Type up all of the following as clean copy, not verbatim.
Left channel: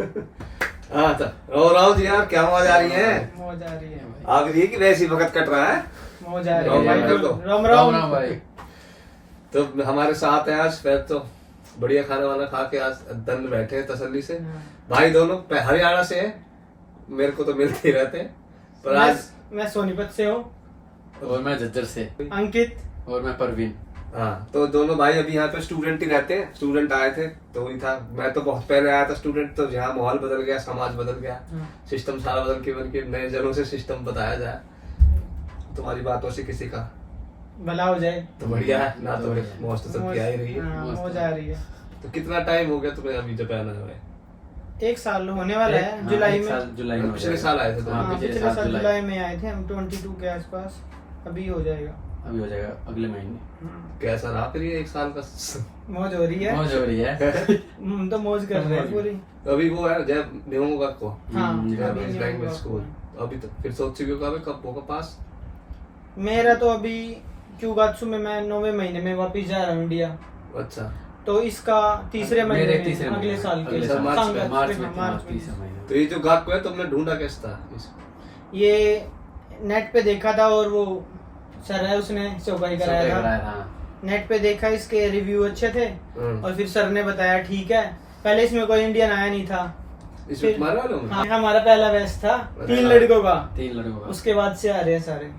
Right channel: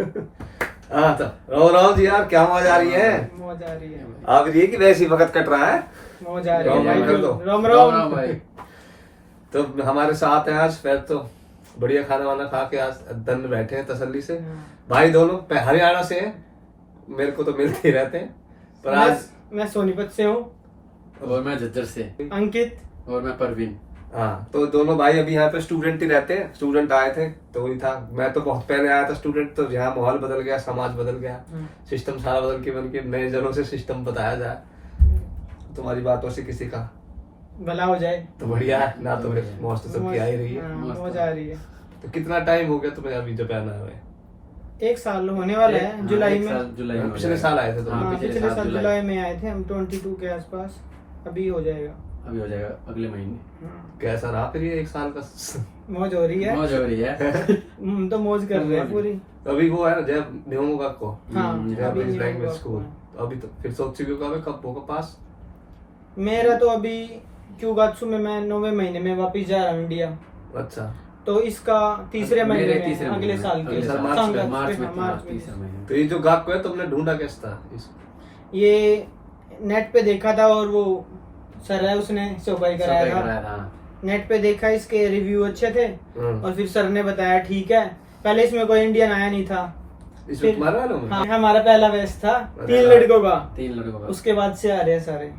हाँ तो राव जी यार क्या मौज आ रही है? मौज आ रही है आप ये कि वैसे ही वक्त कट रहा है? मौज आ रही है भाई कर दो। राम राम राम भाई। तो हमारे साथ हैं आज फिर तो बढ़िया खाना वाना खा के आज दन बैठे हैं तसल्ली से। भाई दोनों हरियाणा से हैं, मेरे को तो मिलते ही रहते हैं पर आज मैं सोनीपत से हूँ, और मैं झज्जर से। अंकित। और मैं परवीन। हाँ तो दोनों भाई अभी यहाँ पे स्टूडेंट ही रहते हैं। स्टूडेंट आए थे तो वही था, मैं तो बहुत पहले आया था स्टूडेंट, तो यहाँ माहौल बदल गया, समाज बदल गया, सिस्टम सारा बदल के बन के नए जनों से सिस्टम बताया जाए, तुम्हारी बातों से किसी का भला हो जाए तो बढ़िया है ना। तो मौज तो सबकी आ ही रही है। हाँ, मौज आ रही है। तो कितना टाइम हो गया तुम्हें अभी जापान आए हुए? 1 साल होने वाला है जुलाई में। जुलाई में पिछले साल आए थे तो हाँ, पिछले साल जुलाई में आए थे हम, 22 के आसपास। अभी हो जाएगा, अभी हो जाएगा अगले महीने। कैसा रहा फिर ये 1 साल का? मौज हो रही है। मौज हो रही है। हम तो मौज कर रहे हैं पूरी। अभी वो है जय निहोंगा को हाँ, जापानीज अभी लैंग्वेज निहोंगा स्कूल। अभी तो फिर सोच चुके हो कब होगा पास? मेरा तो अभी क्यूगात्सु में मैं 9वें महीने में वापस जा रहा हूँ इंडिया। अच्छा तो इसका तीसरे महीने मेरे में तीसरे अगले महीने, साल के अगले साल मार्च में, संगत मार्च पे, में हाँ, मार्च में। तीसरा महीने। तो ये जो गाको है तुमने ढूंढा कैसे था ये नेट पे देखा था और वो सर है उसने चौपाई कराया सब था। कराया था। नेट पे देखा, इसके रिव्यू अच्छे थे हम्म। और फिर सर ने बताया ठीक है। पहले इसमें कोई इंडियन आया नहीं था। इसमें तुम्हारे वालों में? हाँ, हमारा पहला बैच था अच्छा। 3 लड़कों का। 3 लड़कों का। उसके बाद से आ रहे हैं सारे।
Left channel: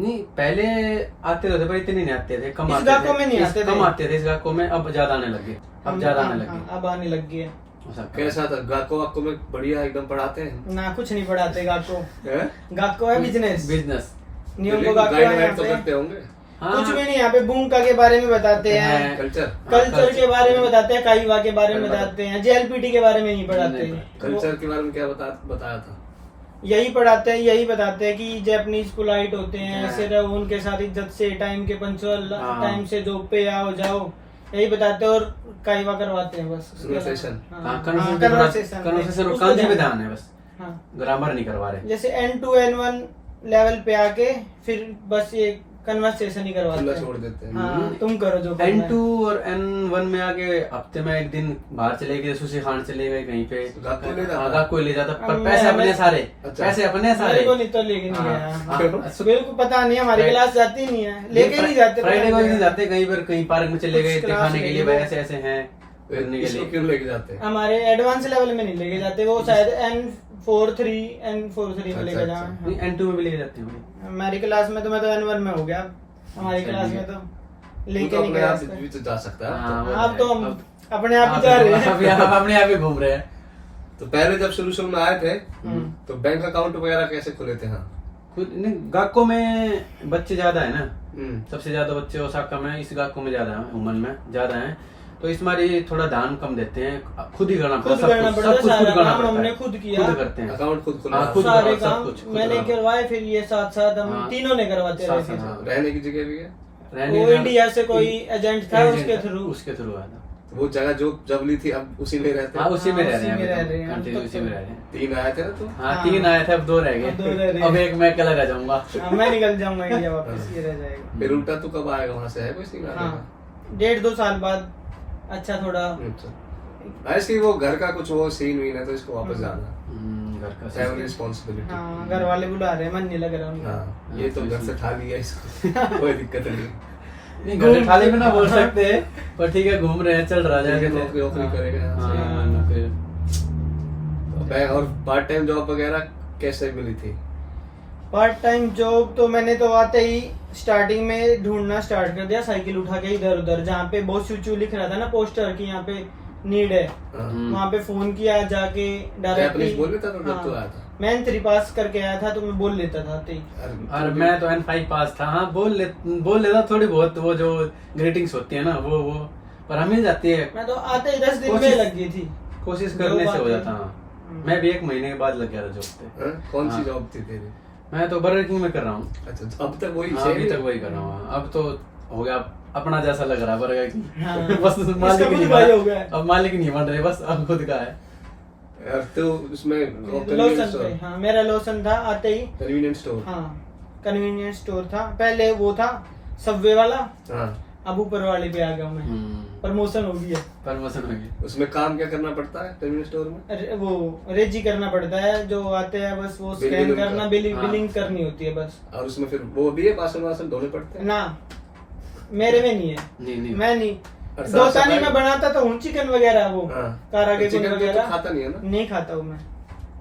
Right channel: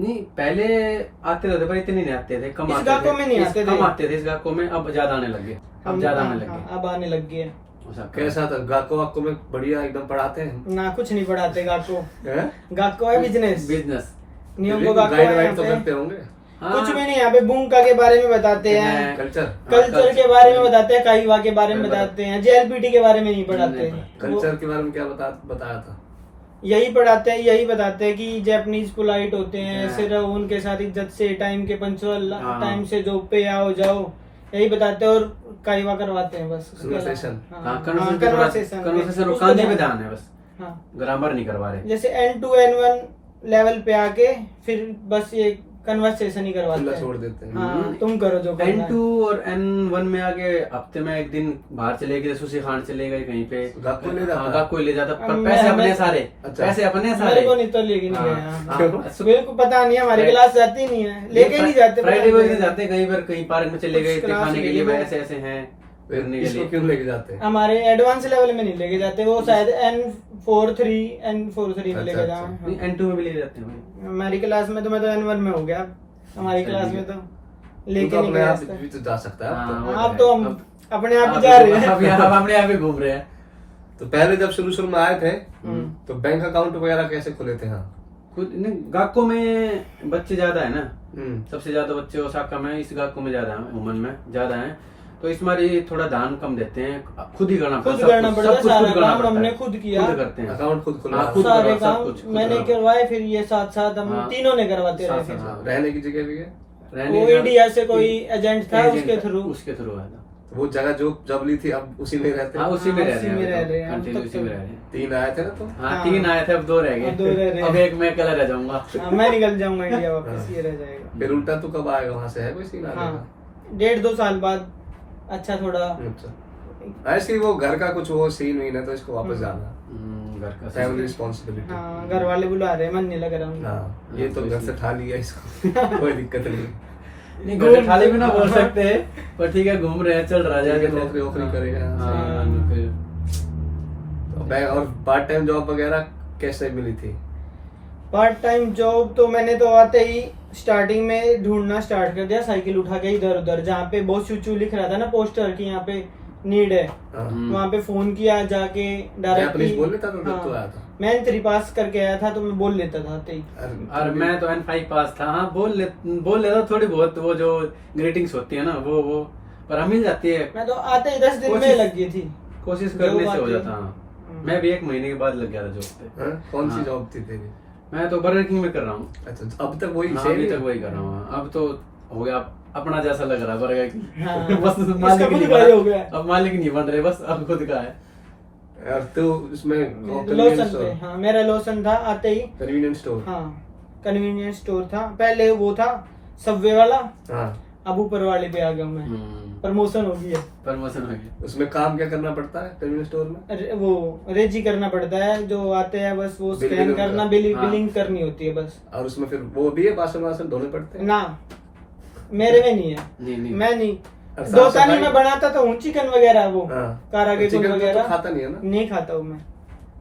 नहीं पहले आते रहते पर इतने नहीं आते थे, कम इस आते गाको थे। में नहीं आते थे। कम आते थे इस गाको में, अब ज्यादा आने लगे। अब ज्यादा आने लगे। अब आने लग गए। ऐसा कैसा था गाको वाको में? बढ़िया एकदम पढ़ाते हैं? ना कुछ नहीं पढ़ाते गाको। हैं? गाको है बिजनेस। बिजनेस। नियम गाको गाइड है वाइड यहाँ तो पे। करते होंगे? हाँ। कुछ भी नहीं, यहाँ पे बुंका के बारे में बताते हैं, कल्चर कल्चर के बारे में बताते हैं, काइवा के बारे में बताते हैं, जेएलपीटी के बारे में नहीं पढ़ाते। कल्चर के बारे में क्या बताया था? यही पढ़ाते हैं, यही बताते हैं कि जापानीज पोलाइट होते हैं, ऐसे रहो उनके साथ इज्जत से, टाइम के पंचुअल, टाइम से जॉब पे आओ जाओ, यही बताते हैं और काइवा करवाते हैं बस। Conversation। कन्वर्सेशन और कांजी में ध्यान है बस। हाँ, ग्रामर नहीं करवा रहे। जैसे N2 N1 लेवल पे आके फिर बस ये कन्वर्सेशन ही करवाते खुला हैं। छोड़ देते हैं। हाँ, तुम करो जो करना है। N2 और N1 में आगे हफ्ते में एक दिन बाहर चले गए, सुशी खान चले गए कहीं पे। गाको ले जाता? हाँ, गाको ले जाता पर मैं- पैसे अपने मैं- सारे। अच्छा। पैसे अपने सारे। मेरे को नहीं तो लेके नहीं हाँ, गया। हाँ। हाँ, मेरे को पता नहीं है, हमारी क्लास जाती नहीं है, लेके नहीं जाते। फ्राइडे को नहीं जाते, कहीं पर कहीं पार्क में चले गए कुछ क्लास खाने के लिए, लेके भाई गए। ऐसे ऐसे हैं करने के इसको लिए। क्यों लेके जाते हैं? हमारे एडवांस लेवल में नहीं लेके जाते, वो शायद N43 में लेके अच्छा, जाए। नहीं, N2 में भी ले जाते हैं। हमारी क्लास में तो मैं तो N1 में हो गया, हमारी अच्छा, क्लास ठीक में है। तो लेके तो नहीं अपने गया। आप भी तो जा सकता है अब तो। हाँ, अब तो हम अपने आप ही जा रहे हैं। अभी हम अपने आप ही घूम रहे हैं। तो पहले जब शुरू में आए थे हम्म। तो बैंक अकाउंट वगैरह कैसे खुले थे? हाँ कुछ नहीं, गाको में बच्चे ज्यादा है ना, हम्म। सबसे ज्यादा बच्चे ओसाका में, इस गाको में ज्यादा है, उमन में ज्यादा है, तो इस बार थोड़ा दान कम देते हैं, खुद ही करना खुद सब करना कुछ, पड़ता सब है, कुछ सारा खुद करना काम पड़ता हमने है। खुद किया। खुद करते हैं। अकाउंट खुद खुला? हाँ, खुद सारे करवा, सब काम कुछ खुद मैंने करवा। करवाए, फिर ये साथ साथ हम हाँ। तीनों ने करवाते रहे। साथ फिर साथ। रहने की जगह भी है? रहने वो का- इंडिया से कोई एजेंट था, एजेंट उसके था, थ्रू। उसके थ्रू आया था। तो वो जगह जो जब ली थी अब उसी में रहते हाँ, हैं? उसी में हाँ, रह उसी में रह रहे हैं हम, कंटिन्यू तब उसी तो। में रह रहे हैं। 3 आए थे ना तुम? हाँ, हाँ। 3 आए थे, अब 2 रह अब 2 रह गए। रहे अब हैं। एक मैं अकेला रह जाऊंगा। हाँ, मैं निकल जाऊंगा इंडिया वापस, ये रह जाएगा। फिर उल्टा तू कब आएगा वहां से? है कोई सीन आने हाँ, का? 1.5-2 साल बाद अच्छा थोड़ा। अच्छा, ऐसे वो घर का कुछ वो सीन हुई ना तो इसको वापस जाना, घर का फैमिली रिस्पॉन्सिबिलिटी। हाँ, घर वाले बुला रहे हैं, मन नहीं लग रहा उनका। हाँ, ये तो घर से ठा लिया इसको, कोई दिक्कत नहीं। नहीं, घर खाली भी ना बोल सकते हैं, पर ठीक है, घूम रहे हैं, चल रहा ठीक है, है। नौकरी वोकरी करेगा। हाँ, फिर तो बैंक और पार्ट टाइम जॉब वगैरह कैसे मिली थी? पार्ट टाइम जॉब तो मैंने तो आते ही स्टार्टिंग में ढूंढना स्टार्ट कर दिया, साइकिल उठा के इधर उधर, जहाँ पे बहुत चूचू लिख रहा था ना पोस्टर की यहाँ पे नीड है, हाँ। वहाँ पे फोन किया जाके जापानीज डायरेक्टली। बोल लेता था जब तू आया था? मैं N3 पास करके आया था तो मैं बोल लेता था आते ही। और मैं तो N5 पास था। हाँ, बोल लेता थोड़ी बहुत, वो जो ग्रीटिंग्स होती है ना वो पर हमें जाती है, मैं तो आते ही 10 दिन में कोशिश- लग गई थी। कोशिश जो करने से बात हो है। जाता। हाँ, मैं भी 1 महीने के बाद लग गया था जॉब पे। हाँ? कौन सी हाँ। जॉब थी तेरी? मैं तो बर्गर किंग में कर रहा हूँ। अच्छा, अब तक वही हाँ, सेम अभी ही? तक वही कर रहा हूँ। हाँ, अब तो हो गया अपना जैसा लग रहा है बर्गर किंग। हाँ। बस इसका मालिक खुद नहीं का ही हो बना, गया। अब मालिक नहीं बन रहे, बस अब खुद का है। यार तो उसमें लोशन पे, हाँ मेरा लोशन था आते ही। Convenience store. हाँ, कन्वीनियंस स्टोर था पहले, वो था सबवे वाला, हाँ अब ऊपर वाले पे आ गया मैं, प्रमोशन हो गई है। प्रमोशन हो गई। उसमें काम क्या करना पड़ता है टेलीविजन स्टोर में? वो रेजी करना पड़ता है, जो आते हैं बस वो बिलिंग स्कैन करना। करना, बिलिंग करनी होती है बस। और उसमें फिर वो भी है, बासन वासन धोने पड़ते हैं? ना मेरे में नहीं है, नहीं मैं नहीं और साफ धोता नहीं, सफाई? मैं बनाता तो हूँ चिकन वगैरह, वो हाँ। कारा के चिकन तो वगैरह खाता नहीं है ना? नहीं खाता हूँ मैं,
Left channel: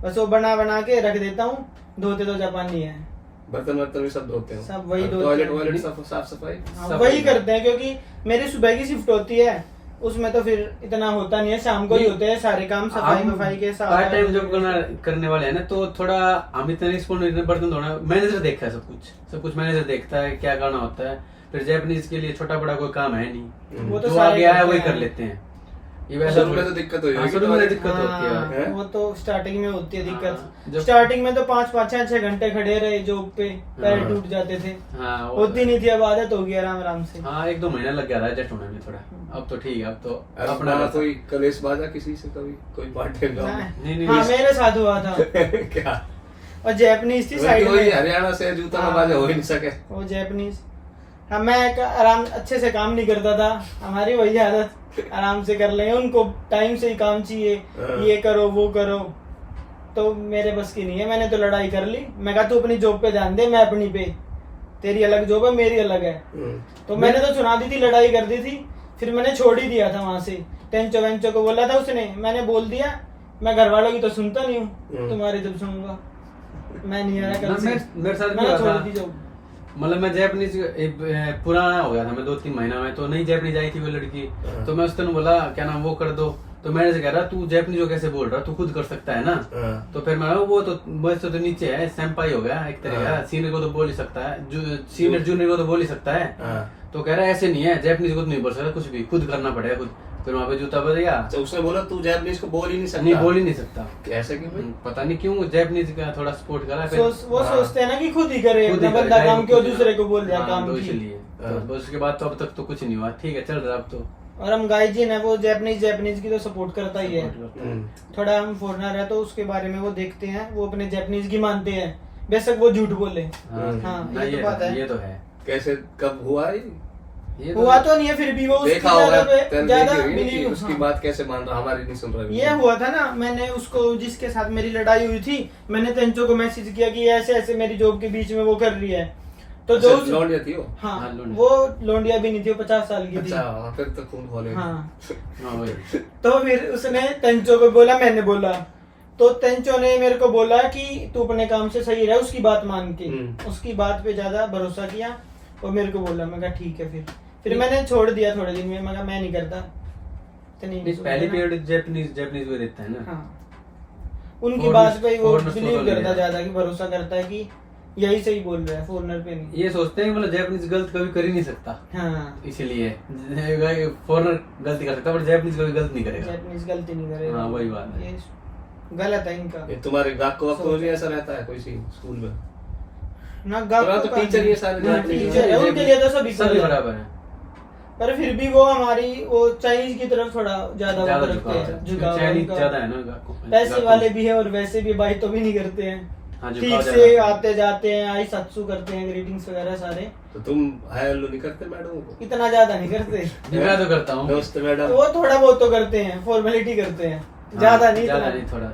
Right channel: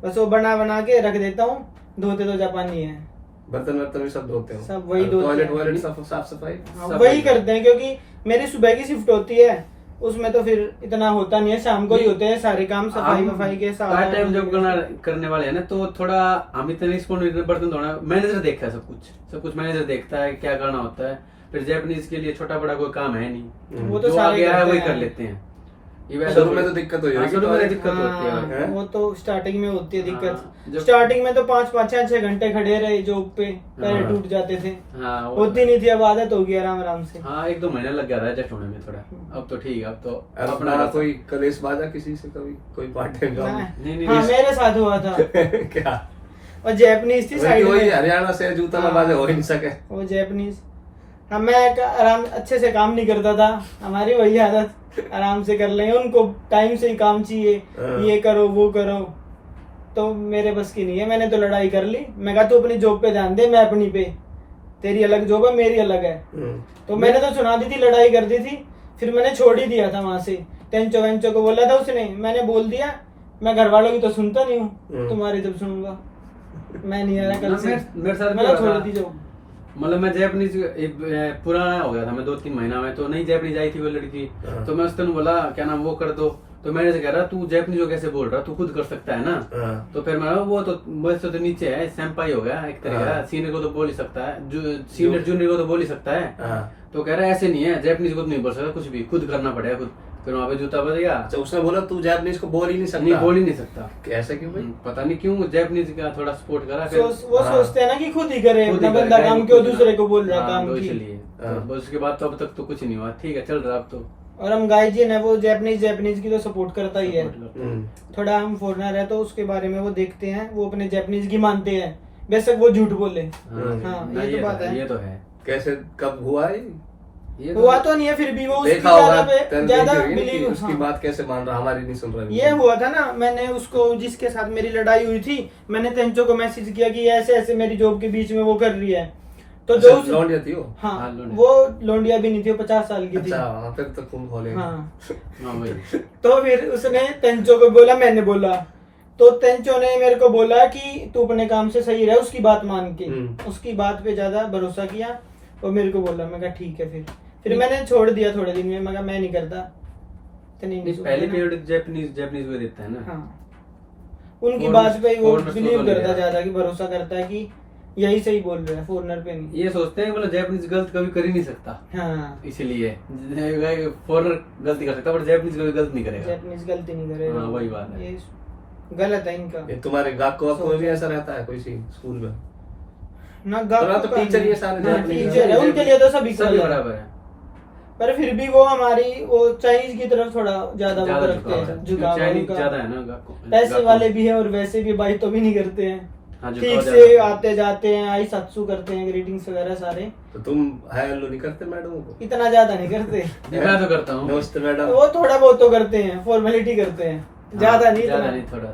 बस वो बना के रख देता हूँ, धोते तो जापानी है, बर्तन वर्तन भी सब धोते हैं? सब वही धोते टॉयलेट हैं। वॉयलेट साफ सफाई? हाँ, सब वही वही करते हैं, क्योंकि मेरी सुबह की शिफ्ट होती है, उसमें तो फिर इतना होता नहीं है, शाम को ही होते हैं सारे काम, सफाई वफाई के साथ। पार्ट टाइम जॉब करने वाले हैं ना, तो थोड़ा हम इतना रिस्पॉन्ड, बर्तन धोना मैनेजर देखता है, सब कुछ मैनेजर देखता है, क्या करना होता है। फिर जापानीज के लिए छोटा बड़ा कोई काम है नहीं, वो तो जो सारे आगे आया करते वही हैं। कर लेते हैं। ये वैसे शुरू में तो दिक्कत हुई होगी, शुरू में टॉयलेट- दिक्कत होती है। हाँ, वो तो स्टार्टिंग में होती है हाँ, दिक्कत। जब- स्टार्टिंग में तो 5-5 6-6 घंटे खड़े रहे जॉब पे, पैर हाँ। टूट जाते थे, हाँ होती नहीं थी, अब आदत हो गई आराम आराम से। हाँ 1-2 महीना लग गया था एडजस्ट होने में थोड़ा, अब तो ठीक है, अब तो और अपना ना कोई कलेश बाजा किसी से कभी, कोई पार्ट टाइम जॉब? नहीं, हाँ मेरे साथ हुआ था, क्या? और जापानीज थी साइड वही में, हरियाणा से जूता ना बाजे हो ही नहीं सके। वो जापानीज। हाँ मैं आराम अच्छे से काम नहीं करता था, हमारी वही आदत, आराम से कर लेंगे, उनको टाइम से ही काम चाहिए, हाँ। ये करो वो करो, तो मेरे बस की नहीं है। मैंने तो लड़ाई कर ली, मैं कहा तू अपनी जॉब पे ध्यान दे, मैं अपनी पे, तेरी अलग जॉब है मेरी अलग है। तो मैंने तो सुना दी थी, लड़ाई कर दी थी, फिर मैंने छोड़ ही दिया था वहां से। टेंचो वेंचो को बोला था उसने, मैंने बोल दिया, मैं घर वालों की तो सुनता नहीं हूँ, तुम्हारी जब सुनूंगा मैं नहीं आ रहा कल से, मेरे साथ भी मैंने हुआ छोड़ था। दी जॉब। मतलब मैं जापानीज पुराना हो गया था, मैं 2-3 महीना में तो नहीं जापानीज आई थी वो लड़की, हाँ। तो मैं उसने बोला क्या नाम वो कर दो, तो मैंने से कह रहा तू जापानीज को कैसे बोल रहा, तू खुद कर सकता है ना। हाँ। तो फिर मैं वो तो मुझसे तो नीचे है, सैम्पाई हो गया एक तरह का, हाँ। सीनियर को तो बोल ही सकता है, सीनियर जूनियर को तो बोल ही सकता है। हाँ। तो कह रहा है ऐसे नहीं है, जापानीज को तो नहीं बोल सकता, कुछ भी खुद करना पड़ेगा खुद। फिर वहाँ पे जूता बज गया, अच्छा उसने बोला तू जापानीज को बोल ही नहीं सकता? नहीं बोल ही नहीं सकता। कैसे क्यों भाई? पता नहीं क्यों जापानीज का थोड़ा सपोर्ट करा फिर। वो हाँ। सोचते हैं ना कि खुद ही करे, खुद ही अपना करे, बंदा चाहे काम वो क्यों खुद- दूसरे को बोल रहा है हाँ, काम तो की। इसलिए हाँ। तो बस उसके बाद तो अब तक तो कुछ नहीं हुआ, ठीक है चल रहा अब तो। और हम गाइजिन है, वो जापानीज की तो सपोर्ट करता ही है। हम्म। थोड़ा हम फॉरनर है तो उसके बारे में वो देखते हैं, वो अपने जापानीज की मानते हैं, बेशक वो झूठ बोले। हाँ, ना, ये तो बात है। ये तो है। कैसे कब हुआ ये हुआ तो नहीं है, फिर भी वो उसकी देखा होगा, ज्यादा तेरे ज्यादा देखी होगी ना कि बिलीव। उसकी बात कैसे मान रहा, हमारी नहीं सुन रहा है। ये हुआ था ना, मैंने उसको जिसके साथ मेरी लड़ाई हुई थी, मैंने तेंचो को मैसेज किया कि ऐसे ऐसे मेरी जॉब के बीच में वो कर रही है, तो जो अच्छा, लौंडिया थी वो? हाँ हाँ, लोंडिया। वो लोंडिया भी नहीं थी, वो 50 साल की थी। अच्छा हाँ, फिर तो खून खोलेगा। हाँ हाँ वही। तो फिर उसने तेंचो को बोला, मैंने बोला, तो तेंचो ने मेरे को बोला कि तू अपने काम से सही रह, उसकी बात मान के, उसकी बात पे ज्यादा भरोसा किया और मेरे को बोला। मैं कहा ठीक है, फिर मैंने छोड़ दिया थोड़े दिन में, मैं कहा मैं नहीं करता। तो नहीं पहले पीरियड जापानीज में देता है ना। हाँ, उनकी Foreigners- बात पे वो foreigners को बिलीव तो करता लिया। ज्यादा, कि भरोसा करता है कि यही सही बोल रहा है, फॉरनर पे नहीं। ये सोचते हैं मतलब जापानीज गलत कभी कर ही नहीं सकता, हाँ, इसीलिए फॉरनर गलती कर सकता है, पर जापानीज कभी गलत नहीं करेगा। जापानीज गलती नहीं करेगा। हाँ, वही बात है। ये गलत है इनका। ये तुम्हारे गाको में भी ऐसा रहता है कोई सी स्कूल में? ना तुम्हारा तो टीचर ही है सारे जापानीज। टीचर है, उनके लिए तो सभी सभी equal है। बराबर है। पर फिर भी वो हमारी वो चाइनीज की तरफ थोड़ा ज्यादा वो ज्यादा रखते हैं, झुकाव झुकाव है चाइनीज उनका। ज्यादा है ना गाको। पैसे गाको। वाले भी है और वैसे भी बाई तो भी नहीं करते हैं, हाँ, झुकाव ठीक ज्यादा से है। आते जाते हैं, आई सत्सु करते हैं, ग्रीटिंग्स वगैरह सारे। तो तुम हाय हेलो नहीं करते मैडम को? इतना ज्यादा नहीं करते। मैं तो करता हूँ। नमस्ते मैडम। वो थोड़ा बहुत तो करते हैं, फॉर्मेलिटी करते हैं, ज्यादा नहीं ज्यादा इतना। नहीं थोड़ा।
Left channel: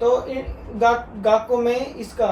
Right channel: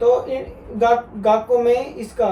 तो गाको में इसका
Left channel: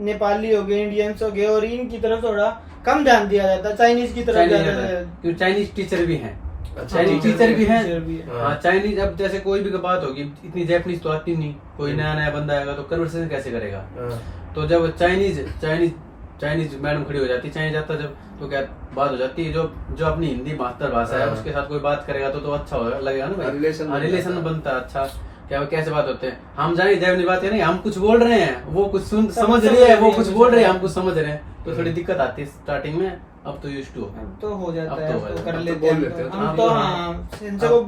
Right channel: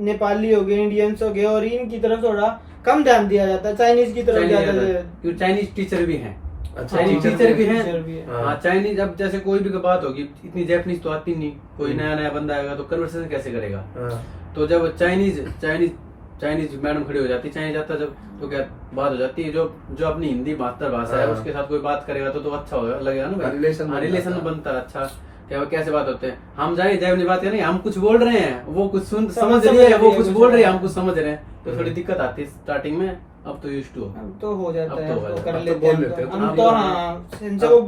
नेपाली हो गए, इंडियंस हो गए, और इनकी तरफ थोड़ा कम ध्यान दिया जाता है, चाइनीज की तरफ ज्यादा क्योंकि चाइनीज टीचर भी हैं। अच्छा, चाइनीज टीचर टीचर भी हैं। टीचर भी है। हाँ चाइनीज, अब जैसे कोई भी बात होगी, इतनी जापानीज तो आती नहीं, कोई नया नया बंदा आएगा तो कन्वर्सेशन कैसे करेगा। हाँ। तो जब चाइनीज मैडम खड़ी हो जाती, चाइनीज आता जब, तो क्या बात हो जाती है, जो अपनी हिंदी मातृभाषा है हाँ। उसके साथ कोई बात करेगा तो अच्छा लगेगा ना भाई। रिलेशन बनता रिलेशन है। बनता है अच्छा। क्या कैसे बात होते हैं, हम जाएंगे जापानी बात करेंगे, हम कुछ बोल रहे हैं, वो कुछ समझ रही है, वो कुछ बोल रहे हैं, हम कुछ समझ रहे हैं, तो थोड़ी दिक्कत आती है स्टार्टिंग में। अब तो यूज्ड टू। अब तो हो जाता अब है, तो अब तो हो कर जाता है। लेते अब तो बोल हैं, लेते हैं। हम अब तो तो- हाँ इनसे को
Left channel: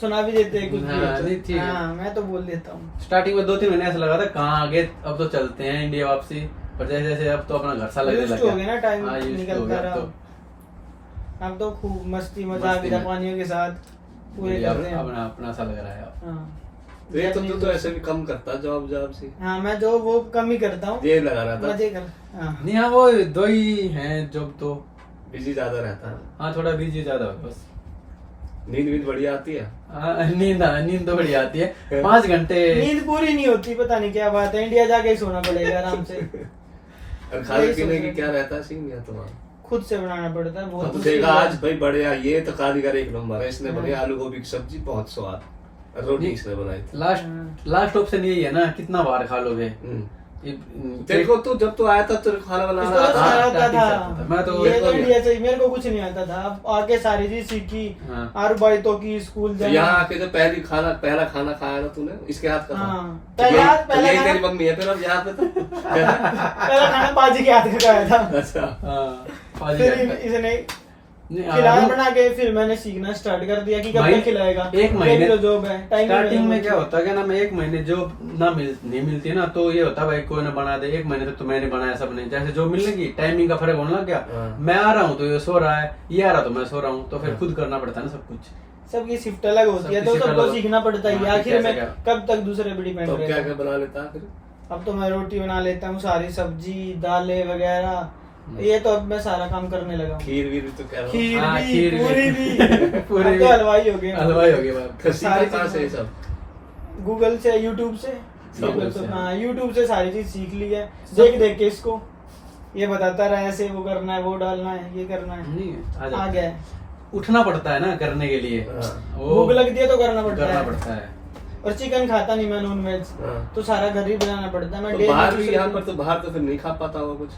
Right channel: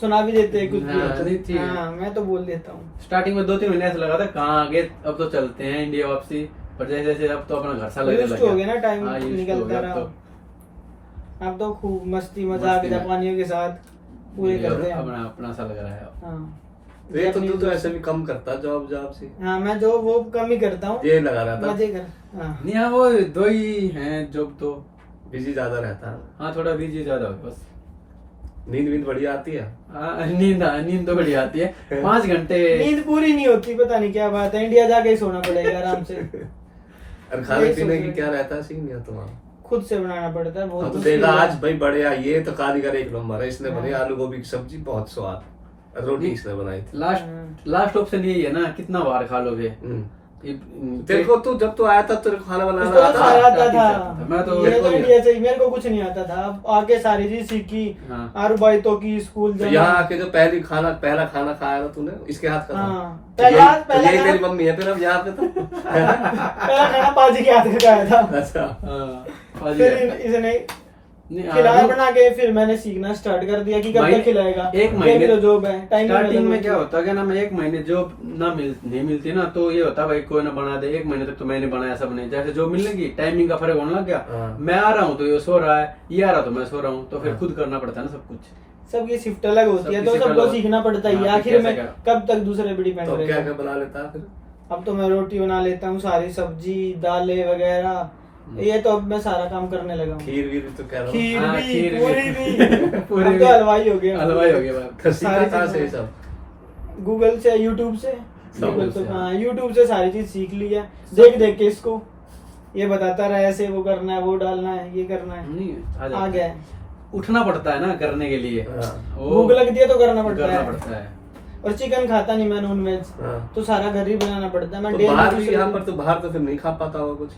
सुना भी देते हैं कुछ हाँ, नहीं, भी। ठीक है। हाँ, मैं तो बोल देता हूँ। स्टार्टिंग में 2-3 महीने ऐसा लगा था कहाँ आगे, अब तो चलते हैं इंडिया वापसी, पर जैसे जैसे अब तो अपना घर सा लगने Used लग to हो गया ना, टाइम हाँ, used to निकलता हो गया रहा। अब अब तो खूब मस्ती मजाक मस्ती में। जापानियों के साथ पूरे करते हैं हम। अपना अपना सा लग रहा है अब। हाँ तो ये तो तू तो ऐसे भी कम करता जॉब से, हाँ, मैं जो वो कम ही करता हूँ, ये लगा रहा था। मजे कर। हाँ नहीं हाँ, वो 2 ही हैं जॉब तो। बिजी ज्यादा रहता है। हाँ थोड़ा बिजी ज्यादा हो बस। नींद वींद बढ़िया आती है? हाँ, नींद तो बढ़िया आती है। 5 घंटे नींद पूरी नहीं होती, पता नहीं क्या बात है, इंडिया जाके ही सोना पड़ेगा आराम से। और खाने यही पीने सोच की रहे क्या रहता है सीन या तुम्हारा? खुद से बनाना पड़ता है, बहुत हाँ, तो मुश्किल देखा है। आज भाई बढ़िया, ये तो कारीगर एक नंबर है, इसने हाँ। बनाई आलू गोभी की सब्जी, बहुत स्वाद, और रोटी इसने बनाई थी। लास्ट ऑप्शन यही है ना, कितना बार खा लोगे। तेरे को तो जब तू आया था तेरे को खाना बनाना इसको तो सारा आता आता था, मैं तो ये तो इंडिया से, मेरे को कुछ नहीं आता था, अब आके सारी चीज सीखी। हाँ। आरू भाई तो की स्कूल तो जाना। यहाँ आके जो पहला खाना खाया ना तूने, इसके हाथ का था? हाँ, तो यही पहला यही खाना- तेरी मम्मी है फिर अब यहाँ पे तो? पहला खाना बाजी के हाथ का खाया था। अच्छा। हाँ, फिर इसने खिलाया बना के, फिर मैंने सीखना स्टार्ट कर दिया कि कब तक खिलाएगा। एक महीने तो जॉब है, टाइम स्टार्टिंग में क्या होता है क्या ना, मैं 1 महीने जॉब नहीं मिलती ना, तो ये होता है भाई कोई ना बना दे, 1 महीने तक तो मैंने बनाया सबने, जैसे जॉब मिलने की टाइमिंग का फर्क होने लग गया। हाँ। मैं आ रहा हूँ तो ये सो रहा है, ये आ रहा तो मैं सो रहा हूँ, तो फिर खुद करना पड़ता है ना सब कुछ। सबकी शिफ्ट अलग होती है, तो सबकी सबको शिफ्ट सीखना पड़ता ही है। हाँ, आखिर में कैसे कब तक दूसरे पे डिपेंड तो क्या रहेगा। क्या बना लेता है फिर? अब तो मैं रोटी बना लेता हूँ, सारी सब्जी दालें वगैरह, ये तो अब मैं सारा काम करने लगा हूँ। खीर वीर तो कह रहा हूँ। खीर हाँ, भी, खीर भी। पूरी भी, पूरी अब भी। तो हलवाई हो गया। हलवाई हो गया बाप। तो सीखा सारी कहाँ से ये चीजें। सब? गूगल से, यूट्यूब से, सब गूगल से। से, हाँ यूट्यूब से सारी चीज सीख ली है, देख देख के इसको, ये बताता रहा ऐसे वो करना है, वो डालना है, ये करना है, नहीं आ गया है। उठना पड़ता है ना करने के लिए, हाँ। भूख लगती है तो करना पड़ता करना है। पड़ता है। और चिकन खाता नहीं मैं, नॉन वेज, हाँ। तो सारा घर ही बनाना पड़ता है। मैं तो डेली बाहर भी, दूसरे यहाँ दिन- पर तो बाहर तो फिर नहीं खा पाता होगा कुछ?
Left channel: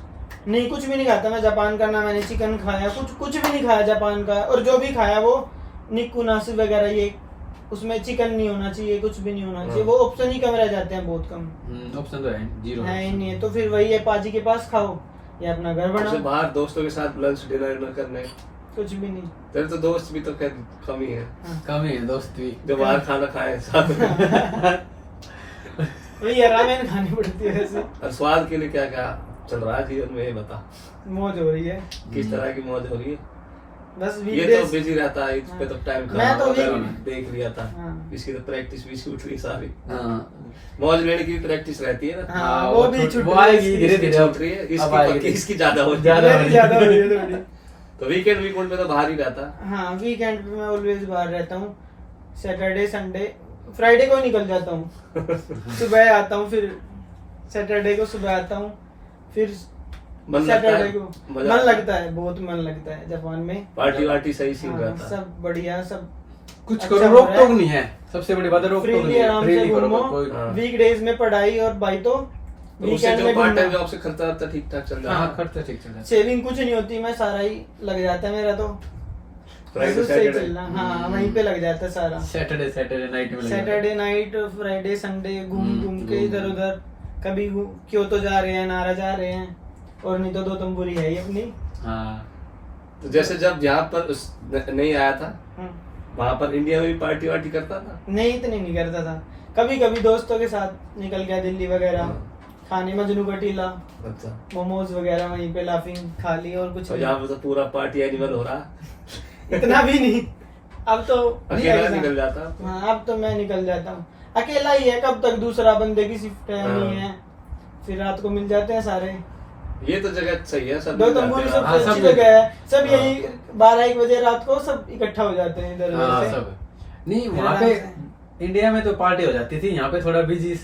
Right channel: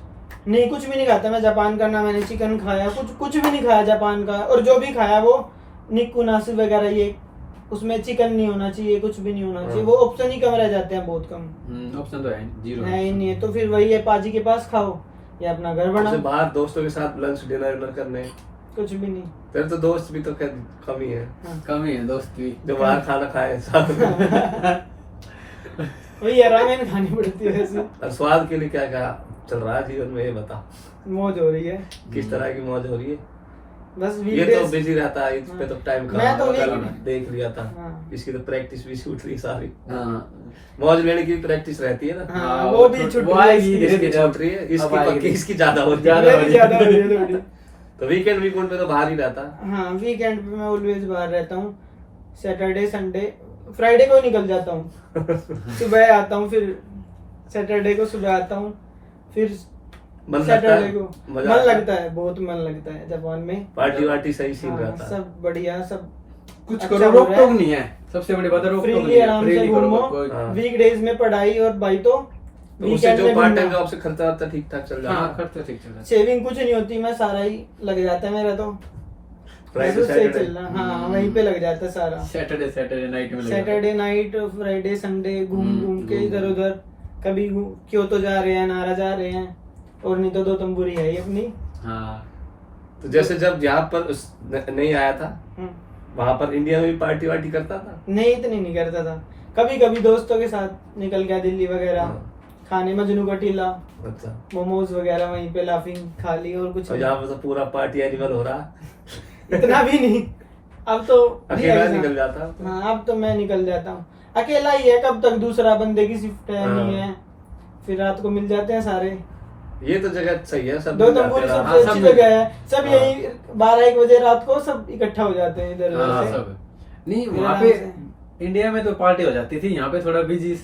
नहीं, कुछ भी नहीं खाता मैं जापान का, ना मैंने चिकन खाया, कुछ भी नहीं खाया जापान का। और जो भी खाया वो निक्कू नासु वगैरह, ये उसमें चिकन नहीं होना चाहिए, कुछ भी नहीं होना चाहिए, वो ऑप्शन ही कम रह जाते हैं, बहुत कम ऑप्शन तो है जीरो है ही नहीं है। तो फिर वही है, पाजी के पास खाओ या अपना घर जैसे बनाओ, बाहर दोस्तों के साथ लंच डिनर करने, कुछ भी नहीं। तेरे तो दोस्त भी तो खैर कम ही है कम ही है दोस्त भी। जो बाहर खाना खाए साथ में। वही है, रामेन खानी पड़ती है वैसे। और स्वाद के लिए क्या क्या चल रहा है जीवन में, ये बता। मौज हो रही है किस तरह की मौज हो रही है? बस ये तो वीकडेज। बिजी रहता है, इस पे तो टाइम मैं तो देख लिया था। हाँ। इसकी तो प्रैक्टिस भी छूट रही सारी। हाँ मौज लेने की प्रैक्टिस रहती है ना। हाँ, वो भी छुट वो रही है आएगी इसकी। धीरे इसकी धीरे छूट रही है, अब इसकी आएगी। पक्की, इसकी ज्यादा होती ज्यादा है। मेरी ज्यादा हो रही है थोड़ी। तो वीकेंड में तो बाहर ही रहता है। हाँ, वीकेंड पे मैं ऑलवेज बाहर रहता हूँ, सैटरडे संडे, फ्राइडे को निकल जाता हूँ। सुबह आता हूँ, फिर सैटरडे को सुबह आता हूँ, फिर मन लगता सैटरडे है? को मजा मन आता है? लगता है, बहुत मन लगता है जापान में। पार्टी वार्टी सही सीन हाँ, रहता है। सब बढ़िया, सब कुछ अच्छा करो, हो रोक रहा है। टोक नहीं है, सबसे बड़ी बात है रोक टोक फ्रीली नहीं है, आराम से freely करो, घूमो। कोई- हाँ। वीकडेज में पढ़ाई और भाई तो तो उससे वीकेंड जो में पार्ट टाइम घूमना। जॉब से खर्चा वर्चा ठीक ठाक चल जाता हाँ है। खर्चा ठीक चल रहा है। सेविंग कुछ नहीं होती, मैं सारा ही लग जाता है मेरा तो। फ्राइडे बिल्कुल सही सैटरडे। चल रहा, हाँ वहीं पे लग जाता है सारा। सैटरडे नाइट में लग जाता है। सैटरडे नाइट, फ्राइडे संडे घूम के इधर उधर, कभी क्योतो जा रहे हैं, नारा जा रहे हैं, और नहीं तो दो तंबूरी है ही अपनी। हाँ तो जैसे जब यहाँ पर नहीं आया था, हम्म। वहां पर इंडिया में भी पार्टी वार्टी करता था? नहीं, इतनी नहीं करता था, कभी कभी दोस्तों के साथ निकल गया दिल्ली वगैरह, हाँ। खाने मजनू का टीला, अच्छा। मोमोज वगैरह वहीं पे लाफिंग खा ली, और कुछ और नहीं। यहाँ पे तो पूरा पार्टी एनिमल हो रहा। इतना भी नहीं, अब तो अकेला ऐसा- निकल जाता। हाँ, अब तो मैं निकल जाता हूँ, अकेला ही है, कब तक दूसरा बंदे की शिफ्ट है, नहीं हाँ। है, फिर रात को मिल जाते हैं सारे। ये तो जगह सही है, सब दो मिल जाते तंबूरी हैं सबसे रात सब अच्छी मिल- जगह है, सब हाँ। यही 12-1 बजे रात को सब इकट्ठा हो जाते हैं इधर हाँ, उधर से। सब नहीं मेरा वहाँ नाम पे इंडिया में तो पार्टी हो जाती थी, यहाँ पे थोड़ा बिजी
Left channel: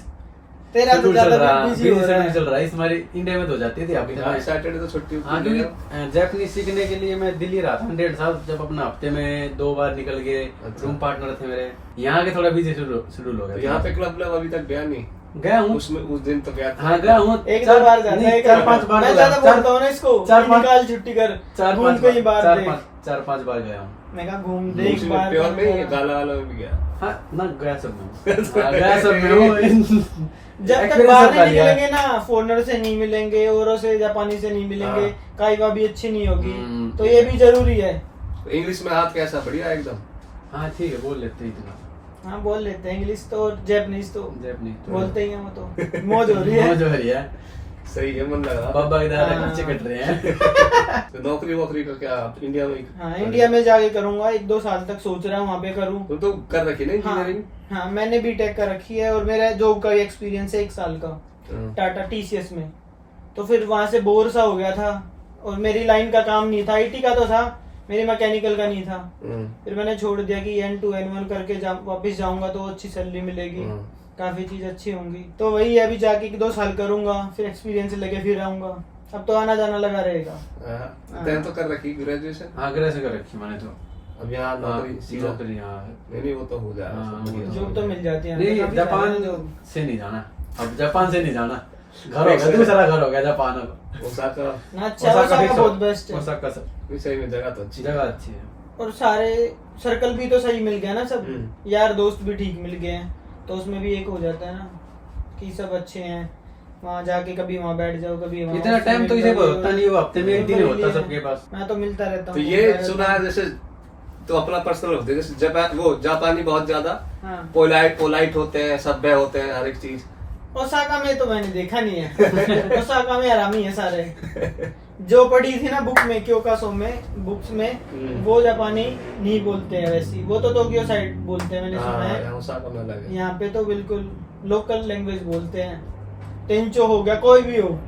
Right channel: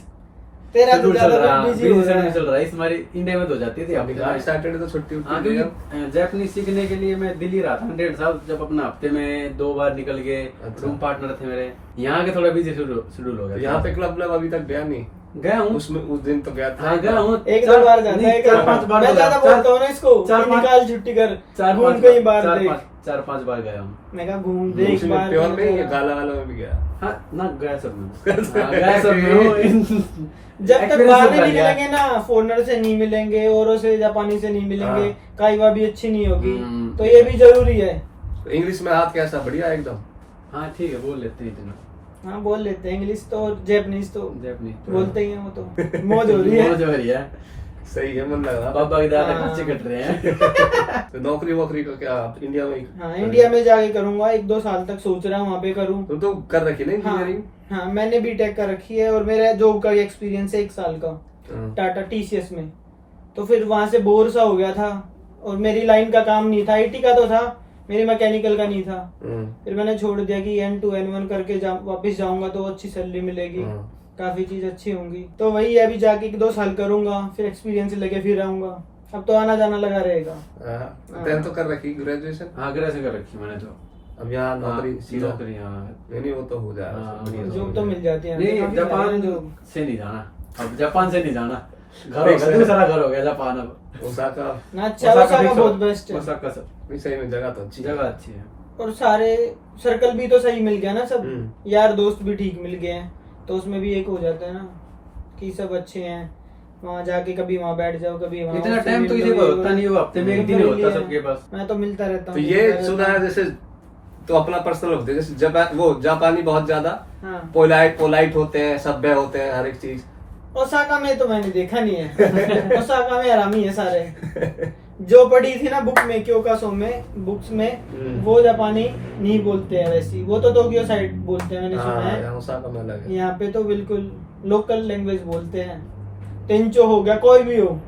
तेरा तो शेड्यूल चल ज्यादा रहा है, बिजी हो रहा है। चल रहा है, इस हमारी इंडिया में तो हो जाती थी। में। आज सैटरडे तो छुट्टी हाँ होती है। क्योंकि जापानीज सीखने के लिए मैं दिल्ली रहा था 1.5 साल, जब अपना हफ्ते में 2 बार निकल गए। अच्छा। रूम पार्टनर थे मेरे, यहाँ के थोड़ा बिजी शेड्यूल हो तो गया। यहाँ पे क्लब अभी तक गया नहीं? गया हूँ, उसमें उस दिन तो गया था। हाँ गया हूँ, 1-2 बार जाता है, 4-5 बार मैं तो गया। ज्यादा बोलता हूँ ना इसको, 4-5 निकाल छुट्टी कर, घूम 4-5 कई बार देख। 4-5 बार गया हूँ। मैं कहा घूम दे एक उसी बार। में प्योर में कहीं या और। गाला वाला में भी गया? हाँ ना गया सब में हाँ, गया सब में हूँ। जब तक Experience बाहर हो नहीं गया। निकलेंगे ना, फॉरनर से नहीं मिलेंगे, औरों से, जापानी से नहीं मिलेंगे, हाँ। काइवा भी अच्छी नहीं होगी, हम्म। तो ये भी जरूरी है। तो इंग्लिश में हाथ कैसा? बढ़िया एकदम। हाँ ठीक है, बोल लेते हैं इतना। हाँ, बोल लेते हैं इंग्लिश तो, और जापानीज तो जापानीज तो बोलते ही हैं, वो तो मौज हो रही है। मौज हो रही है, सही है, मन लग रहा। बाबा के दादा हाँ। खर्चे कट रहे हैं। तो नौकरी वोकरी का क्या इंडिया में? हाँ, इंडिया में जाके करूंगा, 1-2 साल तक सोच रहा हूँ वहाँ पे करूँ। तुम तो कर रखी ना हाँ, इंजीनियरिंग? हाँ, मैंने बीटेक कर रखी है, और मेरा जॉब का एक्सपीरियंस है 1 साल का हाँ। टाटा TCS में। तो फिर वहां से बोर सा हो गया था, और मेरी लाइन का काम नहीं था, आईटी का तो था, मेरी मैकेनिकल का नहीं था। हम्म, फिर मैंने छोड़ दिया कि N2 N1 करके वापस जाऊंगा तो अच्छी सैलरी मिलेगी, काफी चीज अच्छी होंगी। तो वही है, अभी जाके 1-2 साल करूंगा, फिर एक्सपीरियंस लेके फिर आऊंगा। अब तो आना जाना लगा रहेगा। तैं तो कर रखी ग्रेजुएशन? हाँ ग्रेजुएशन कर रखी मैंने तो। अब यहाँ नौकरी सीधा? नौकरी हाँ। नहीं वो तो हो जाएगा, हाँ, सब बढ़िया जॉब हो तो जाएगा। मिल जाती है। नहीं काफी जापान सारे जो- से नहीं जाना, अब जापान से नहीं जाना, घर हो गया, दूसरा घर हो गया जापान अब। ओसाका ना अच्छा, ओसाका बहुत बेस्ट है। ओसाका सब भी सही में जगह तो अच्छी है। जगह अच्छी है। और सारे सर्कल भी तो सही मिल गया ना, सब हम्म। यार दोस्त भी ठीक मिल गए हैं, तो उसमें भी एक हो जाता है ना कि सब अच्छे हैं। वहाँ जाके कभी वहाँ बैठ जाओ, कभी वहाँ। इतना टाइम तो इसे होता नहीं, वो हफ्ते में एक दिन ही होता सबके पास। मैं तो मिलता रहता तो हूँ। ये सुना है जैसे, तो अपना पर्सनल होते हैं, जैसे जापानी बहुत ज्यादा हाँ, पोलाइट होते हैं, सभ्य होते हैं, हर एक चीज। ओसाका में तो मैंने देखा नहीं है। ओसाका में आरामी है सारे। जो पढ़ी थी ना बुक में, क्योकासो में बुक्स में, वो जापानी नहीं बोलते हैं वैसी, वो तो टोक्यो साइड बोलते हैं, मैंने सुना हाँ, है। यहाँ ओसाका में अलग है। यहाँ पे तो बिल्कुल लोकल लैंग्वेज बोलते हैं। टेंचो हो गया, कोई भी हो,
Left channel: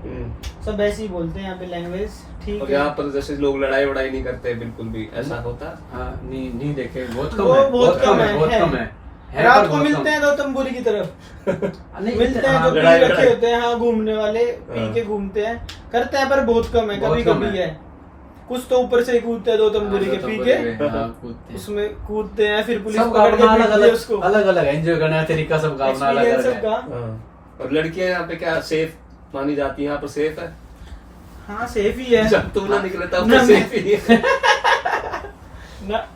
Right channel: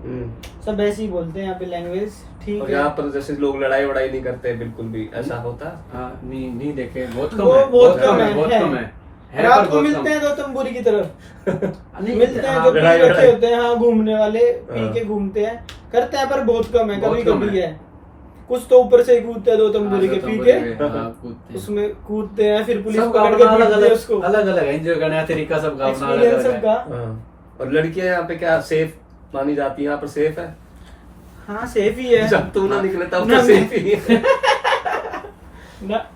सब ऐसे ही बोलते हैं यहाँ पे लैंग्वेज। ठीक और है। यहाँ पर जैसे लोग लड़ाई वड़ाई नहीं करते बिल्कुल भी, ऐसा होता है? हाँ नहीं देखे, बहुत कम वो है, बहुत कम है, बहुत है। कम है। रात पर को बहुत मिलते कम। हैं तो तंबूरी की तरफ नहीं, मिलते हैं, हाँ, जो लड़ाई पी रखे वड़ाई। होते हैं, हाँ घूमने वाले पी हाँ। के घूमते हैं, करते हैं, पर बहुत कम है, बहुत कभी कम कभी है। है। कुछ तो ऊपर से कूदते हैं 2 तंबूरी के पी के, हाँ, कूदते हैं। उसमें कूदते हैं, फिर पुलिस सबका पकड़ के अपना अलग पीटती है उसको। अलग अलग एंजॉय करने का तरीका सबका अपना अलग एक्सपीरियंस अलग है। सबका। हाँ। और लड़कियां यहाँ पे क्या सेफ मानी जाती है? यहाँ पर सेफ है? हाँ सेफ ही है। जब तुम ना निकले तब ना, तो सेफ ही है। ना,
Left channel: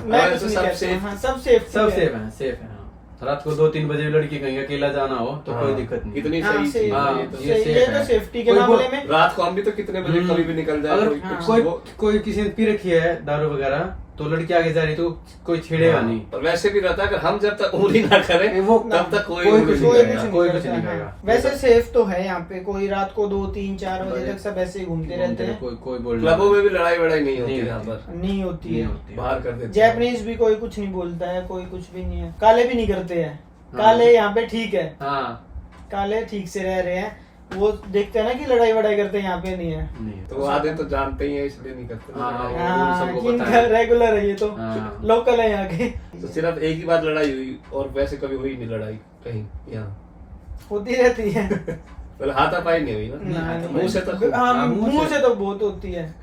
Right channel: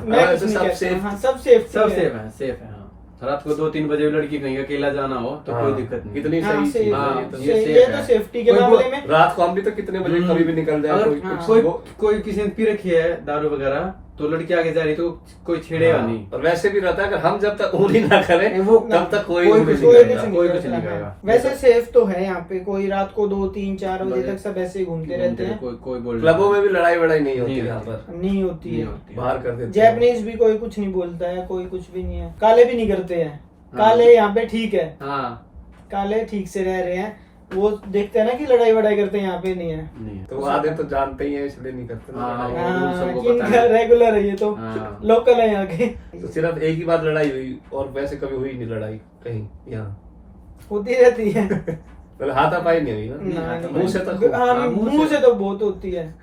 मैं हाँ, कुछ तो नहीं सब कहता। safe- हाँ, सब सेफ सब सेफ है, सेफ है। हाँ। रात को 2-3 बजे लड़की कहीं अकेला जाना हो तो कोई दिक्कत नहीं। इतनी हाँ, सही चीज हाँ, है ये तो। ये ये safe तो है। सेफ्टी के कोई मामले में। रात को हम भी तो कितने बजे कभी भी निकल जाए, अगर कोई हाँ। कुछ कोई वो- कोई किसी ने पी रखी है दारू वगैरह, तो लड़की आगे जा रही तो कोई छेड़ेगा नहीं। और वैसे भी रहता है अगर हम जब तक उंगली ना करें वो तब तक कोई कोई उंगली कुछ नहीं नहीं करेगा। करेगा। नहीं कोई करता कुछ नहीं है। करेगा। वैसे सेफ तो है यहाँ पे, कोई रात को 2-3-4 बजे तक सब ऐसे ही घूमते रहते हैं, कोई बोल क्लबों में भी लड़ाई वड़ाई नहीं होती नहीं यहाँ होती। पर, नहीं होती नहीं है। होती। बाहर कर देते हैं। जैपनीज भी कोई कुछ नहीं बोलता है, कोई कुछ भी नहीं है, काले भी नहीं करते हैं। हाँ। काले यहाँ पे ठीक है, हाँ काले ठीक से रह रहे हैं, वो देखते हैं ना कि लड़ाई वड़ाई करते हैं, यहाँ पे नहीं है। नहीं तो वो आधे तो जानते ही है इसलिए नहीं करते ना हाँ, लड़ाई। हाँ। सबको किनका पता है। रेगुलर है ये तो, हाँ। लोकल है यहाँ के। तो सिर्फ एक ही बार लड़ाई हुई और वैसे कभी हुई नहीं लड़ाई कहीं यहाँ? होती रहती है। मतलब हाथापाई नहीं हुई ना? ना, मुंह से तो हाँ, हाँ, मुंह से तो बहुत होती है,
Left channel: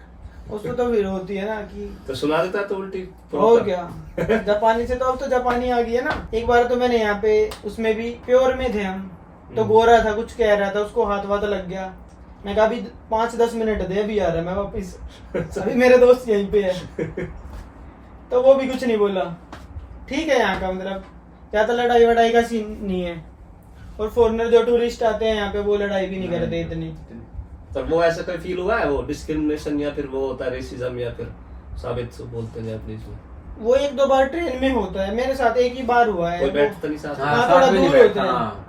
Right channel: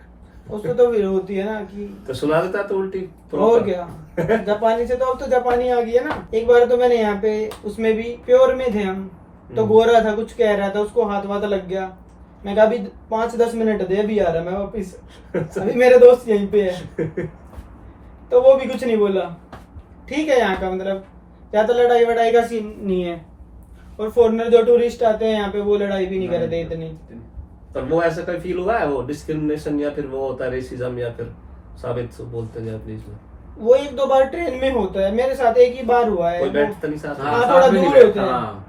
उसमें तो फिर होती है ना कि तो सुना देता तो उल्टी और क्या। जापानी से तो अब तो जापानी आ गई है ना। एक बार तो मैंने यहाँ पे उसमें भी प्योर में थे हम, तो गोरा था, कुछ कह रहा था, उसको हाथ वाथ लग गया। मैं कहा अभी 5-10 मिनट दे, अभी आ रहा है मैं वापिस, अभी मेरे दोस्त यहीं पे है। तो वो भी कुछ नहीं बोला। ठीक है यहाँ का, मतलब ज्यादा लड़ाई वड़ाई का सीन नहीं है। और फॉरेनर जो टूरिस्ट आते हैं यहाँ पे, वो लड़ाई भी नहीं करते इतनी। पर वो ऐसा कोई फील हुआ है, वो डिस्क्रिमिनेशन या फिर वो होता है रेसिज्म या फिर साबित बोलते हैं जापानीज में? वो 1-2 बार ट्रेन में होता है, मेरे साथ एक ही बार हुआ है। कोई बैठता नहीं साथ में? हाँ, साथ थोड़ा में नहीं दूर होते बैठता, हैं। हाँ।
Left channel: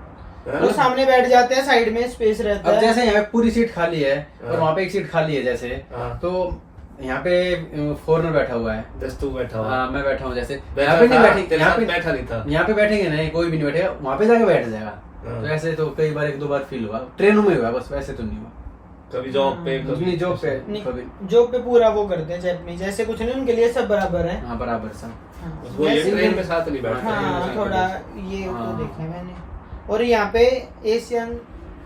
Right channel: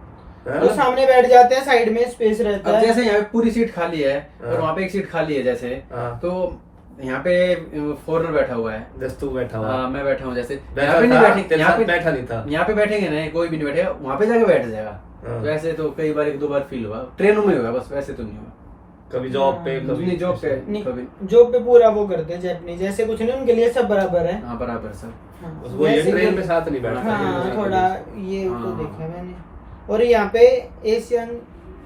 हाँ? वो सामने बैठ जाते हैं, साइड में स्पेस रहता अब है। जैसे यहाँ पे पूरी सीट खाली है और हाँ। वहाँ पे एक सीट खाली है जैसे, हाँ। तो यहाँ पे फॉरेनर बैठा हुआ है, जस्ट तू बैठा हुआ हाँ मैं बैठा हूँ जैसे, बैठा यहाँ पे नहीं था, बैठी, तेरे यहाँ साथ पे बैठा नहीं था। यहाँ पे बैठेंगे नहीं, कोई भी नहीं बैठेगा, वहाँ पे जाके बैठ जाएगा। हाँ। तो ऐसे तो कई बार 1-2 बार फील हुआ, ट्रेनों में हुआ, बस वैसे तो नहीं हुआ। कभी जॉब पे कभी नहीं जॉब पे नहीं, कभी, जॉब पे पूरा वो करते हैं जापानीज, ऐसे कुछ नहीं, उनके लिए सब बराबर है। हाँ बराबर सब। हाँ, बस वो ये वैसे ट्रेन भी- में साथ नहीं बैठता। हाँ थोड़ा ये तो हाँ। देखा मैंने। और यहाँ पे एशियन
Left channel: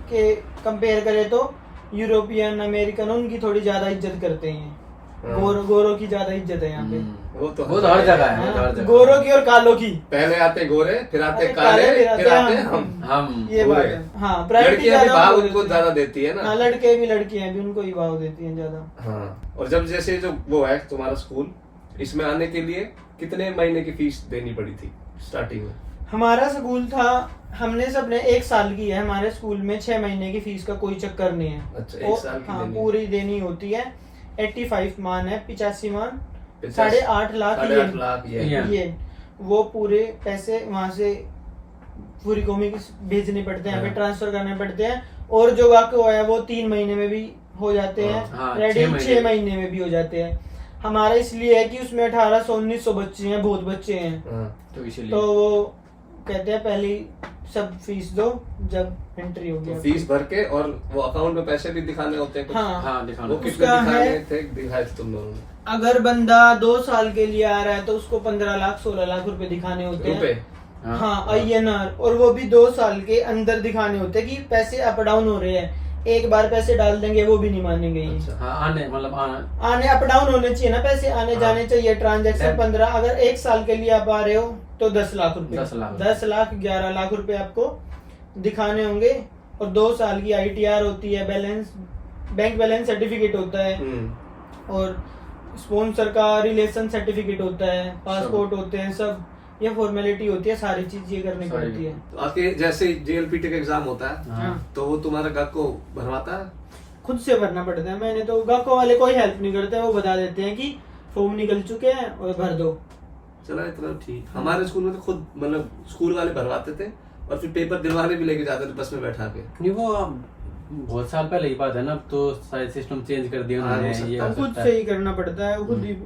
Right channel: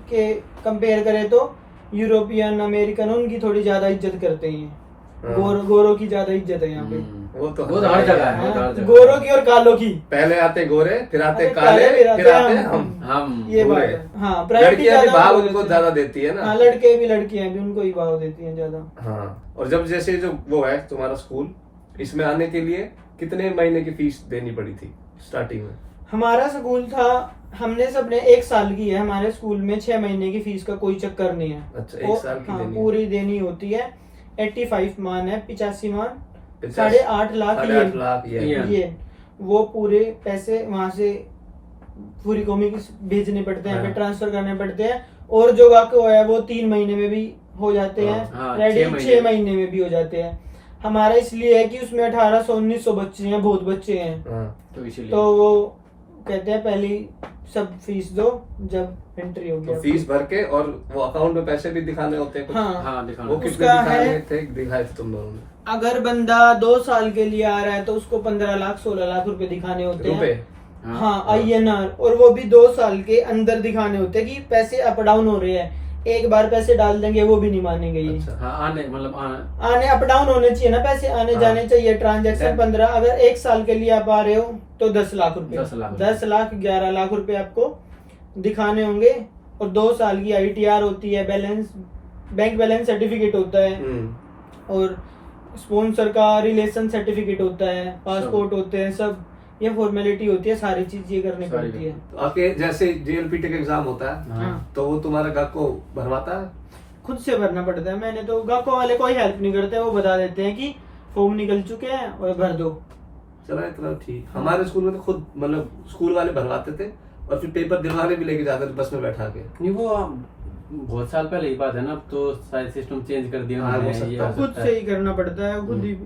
के कंपेयर करें तो यूरोपियन अमेरिकन उनकी थोड़ी ज्यादा इज्जत करते हैं। हाँ। गोरों की ज्यादा इज्जत है यहाँ पे। वो तो हर जगह है, हाँ, वो तो हर जगह गोरों की और कालों की। पहले आते गोरे, फिर आते अरे काले, फिर आते हम। हम। हम ये बात गोरे। है। हाँ, प्रायोरिटी लड़कियां भी ज्यादा भाव उनको उनको देती हैं। ज्यादा देती है ना। हाँ, लड़के भी लड़कियां भी उनको ही भाव देती हैं ज्यादा। हाँ। और जब जैसे जो वो है तुम्हारा स्कूल, इसमें आने के लिए कितने महीने की फीस देनी पड़ी थी स्टार्टिंग में? हमारा स्कूल था, हमने सबने 1 साल की है हमारे स्कूल में, 6 महीने की फीस का कोई चक्कर नहीं है। अच्छा, वो- 1 साल की हाँ, देनी है। पूरी देनी होती है। 85 मान है, 85 मान, 50 8.5 लाख 8.5 लाख ये ये। ये वो पूरे पैसे वहां से पूरी कौमी को भेजने पड़ते हैं, हाँ। ट्रांसफर करने पड़ते हैं। और जो वाकई है वो 3 महीने में भी हो जाते हैं, हाँ, रेडी 6 6 महीने में भी हो जाते हैं। हमारा इसलिए है कि उसमें 1800-1900 बच्चे हैं, बहुत बच्चे हैं, हाँ। तो इसीलिए तो वो कहते हैं पहली सब फीस दो जब एंट्री होगी तो आपकी। फीस भर के और वो अकाउंट में पैसे भी दिखाने होते हैं कुछ? हाँ हाँ दिखाना वो होता है। कितने उसका दिखाने है- थे, दिखाए थे तुम लोगों ने? अगर बंदा 2 साल के लिए आ रहा है तो उसको 15 लाख 16 लाख रुपए दिखाने होते रुपए? हैं। हाँ INR, और वो भी 2 साल के अंदर दिखाने होते हैं कि पैसे अप डाउन हो रहे हैं। एक बार पैसे डाल देंगे वो भी नहीं मानेंगे ये। अच्छा। हाँ आने मतलब आने अप डाउन होने चाहिए ना, पैसे आने हाँ। जाने चाहिए। ट्रांजैक्शन 15, अगर 1 साल के लिए आप आ रहे हो तो 10 लाख रुपए, 10 लाख। 10 लाख 11 लाख रुपए आपको दिखाने होंगे। और 2 साल की ITR होती है, बैलेंस बैंक बैलेंस सर्टिफिकेट होता है, और स्पॉन्सर का रिलेशन सर्टिफिकेट होता है, पासपोर्ट होते हैं, सब ये फॉर्मेलिटी होती है। सारी चीज ये करनी सारी। पड़ती है। तो आपके जैसे JLPT का एग्जाम होता है हाँ। तो वो तुम्हारा गाहक को भरवाता है? खुद से भरना पड़ता है। मैंने तो गाको वाले कोई हेल्प नहीं करते, वो बता देते हैं कि फॉर्म निकल चुके हैं और भर दो। चला इतना ठीक। हमारे स्कूल में तो खुद मतलब स्कूल वाले भरवाते थे और फिर पेपर दिलवाने भी लेके जाते थे बस में बैठा के। नहीं वो बहुत साल पहले की बात है ना, अब तो शायद सिस्टम चेंज कर दिया हाँ, उन्होंने, हो सकता ये है। हो खुद सकता से है। ही करना पड़ता है, खुद ही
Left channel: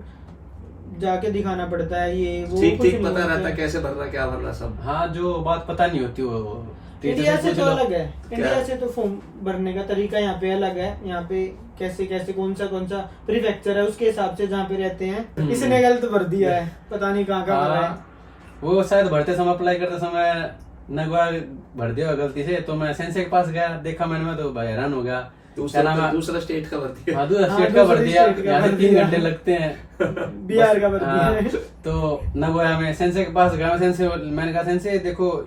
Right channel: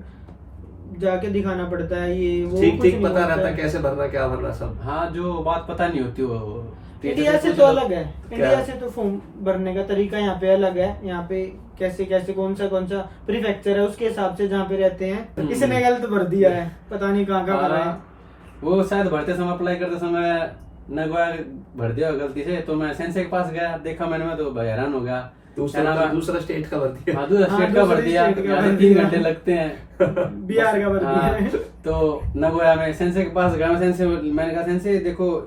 जाके दिखाना पड़ता है। ये वो ठीक कुछ ठीक नहीं पता होता रहता है है। कैसे भरना क्या भरना सब। हाँ जो बात पता नहीं होती वो इंडिया से पूछ तो लो। अलग है। क्या? इंडिया से तो फॉर्म भरने का तरीका यहाँ पे अलग है। यहाँ पे कैसे कैसे कौन सा प्रीफेक्चर है उसके हिसाब से जहाँ पे रहते हैं। किसने गलत भर दिया है, पता नहीं कहाँ कहाँ भरा है। हाँ, वो शायद भरते समय अप्लाई करते समय नगवा भर दिया गलती से, तो मैं सेंसे के पास गया, देखा मैंने तो भाई हैरान हो गया। क्या नाम है? दूसरा स्टेट का भर दिया। हाँ दूसरा हाँ, स्टेट का भर दूसरे दिया, स्टेट का यहाँ से भर 3 दिया। घंटे लगते हैं। बिहार का भर हाँ, दिया है। तो नगोया में सेंसे के पास गया। सेंसे मैंने कहा सेंसे देखो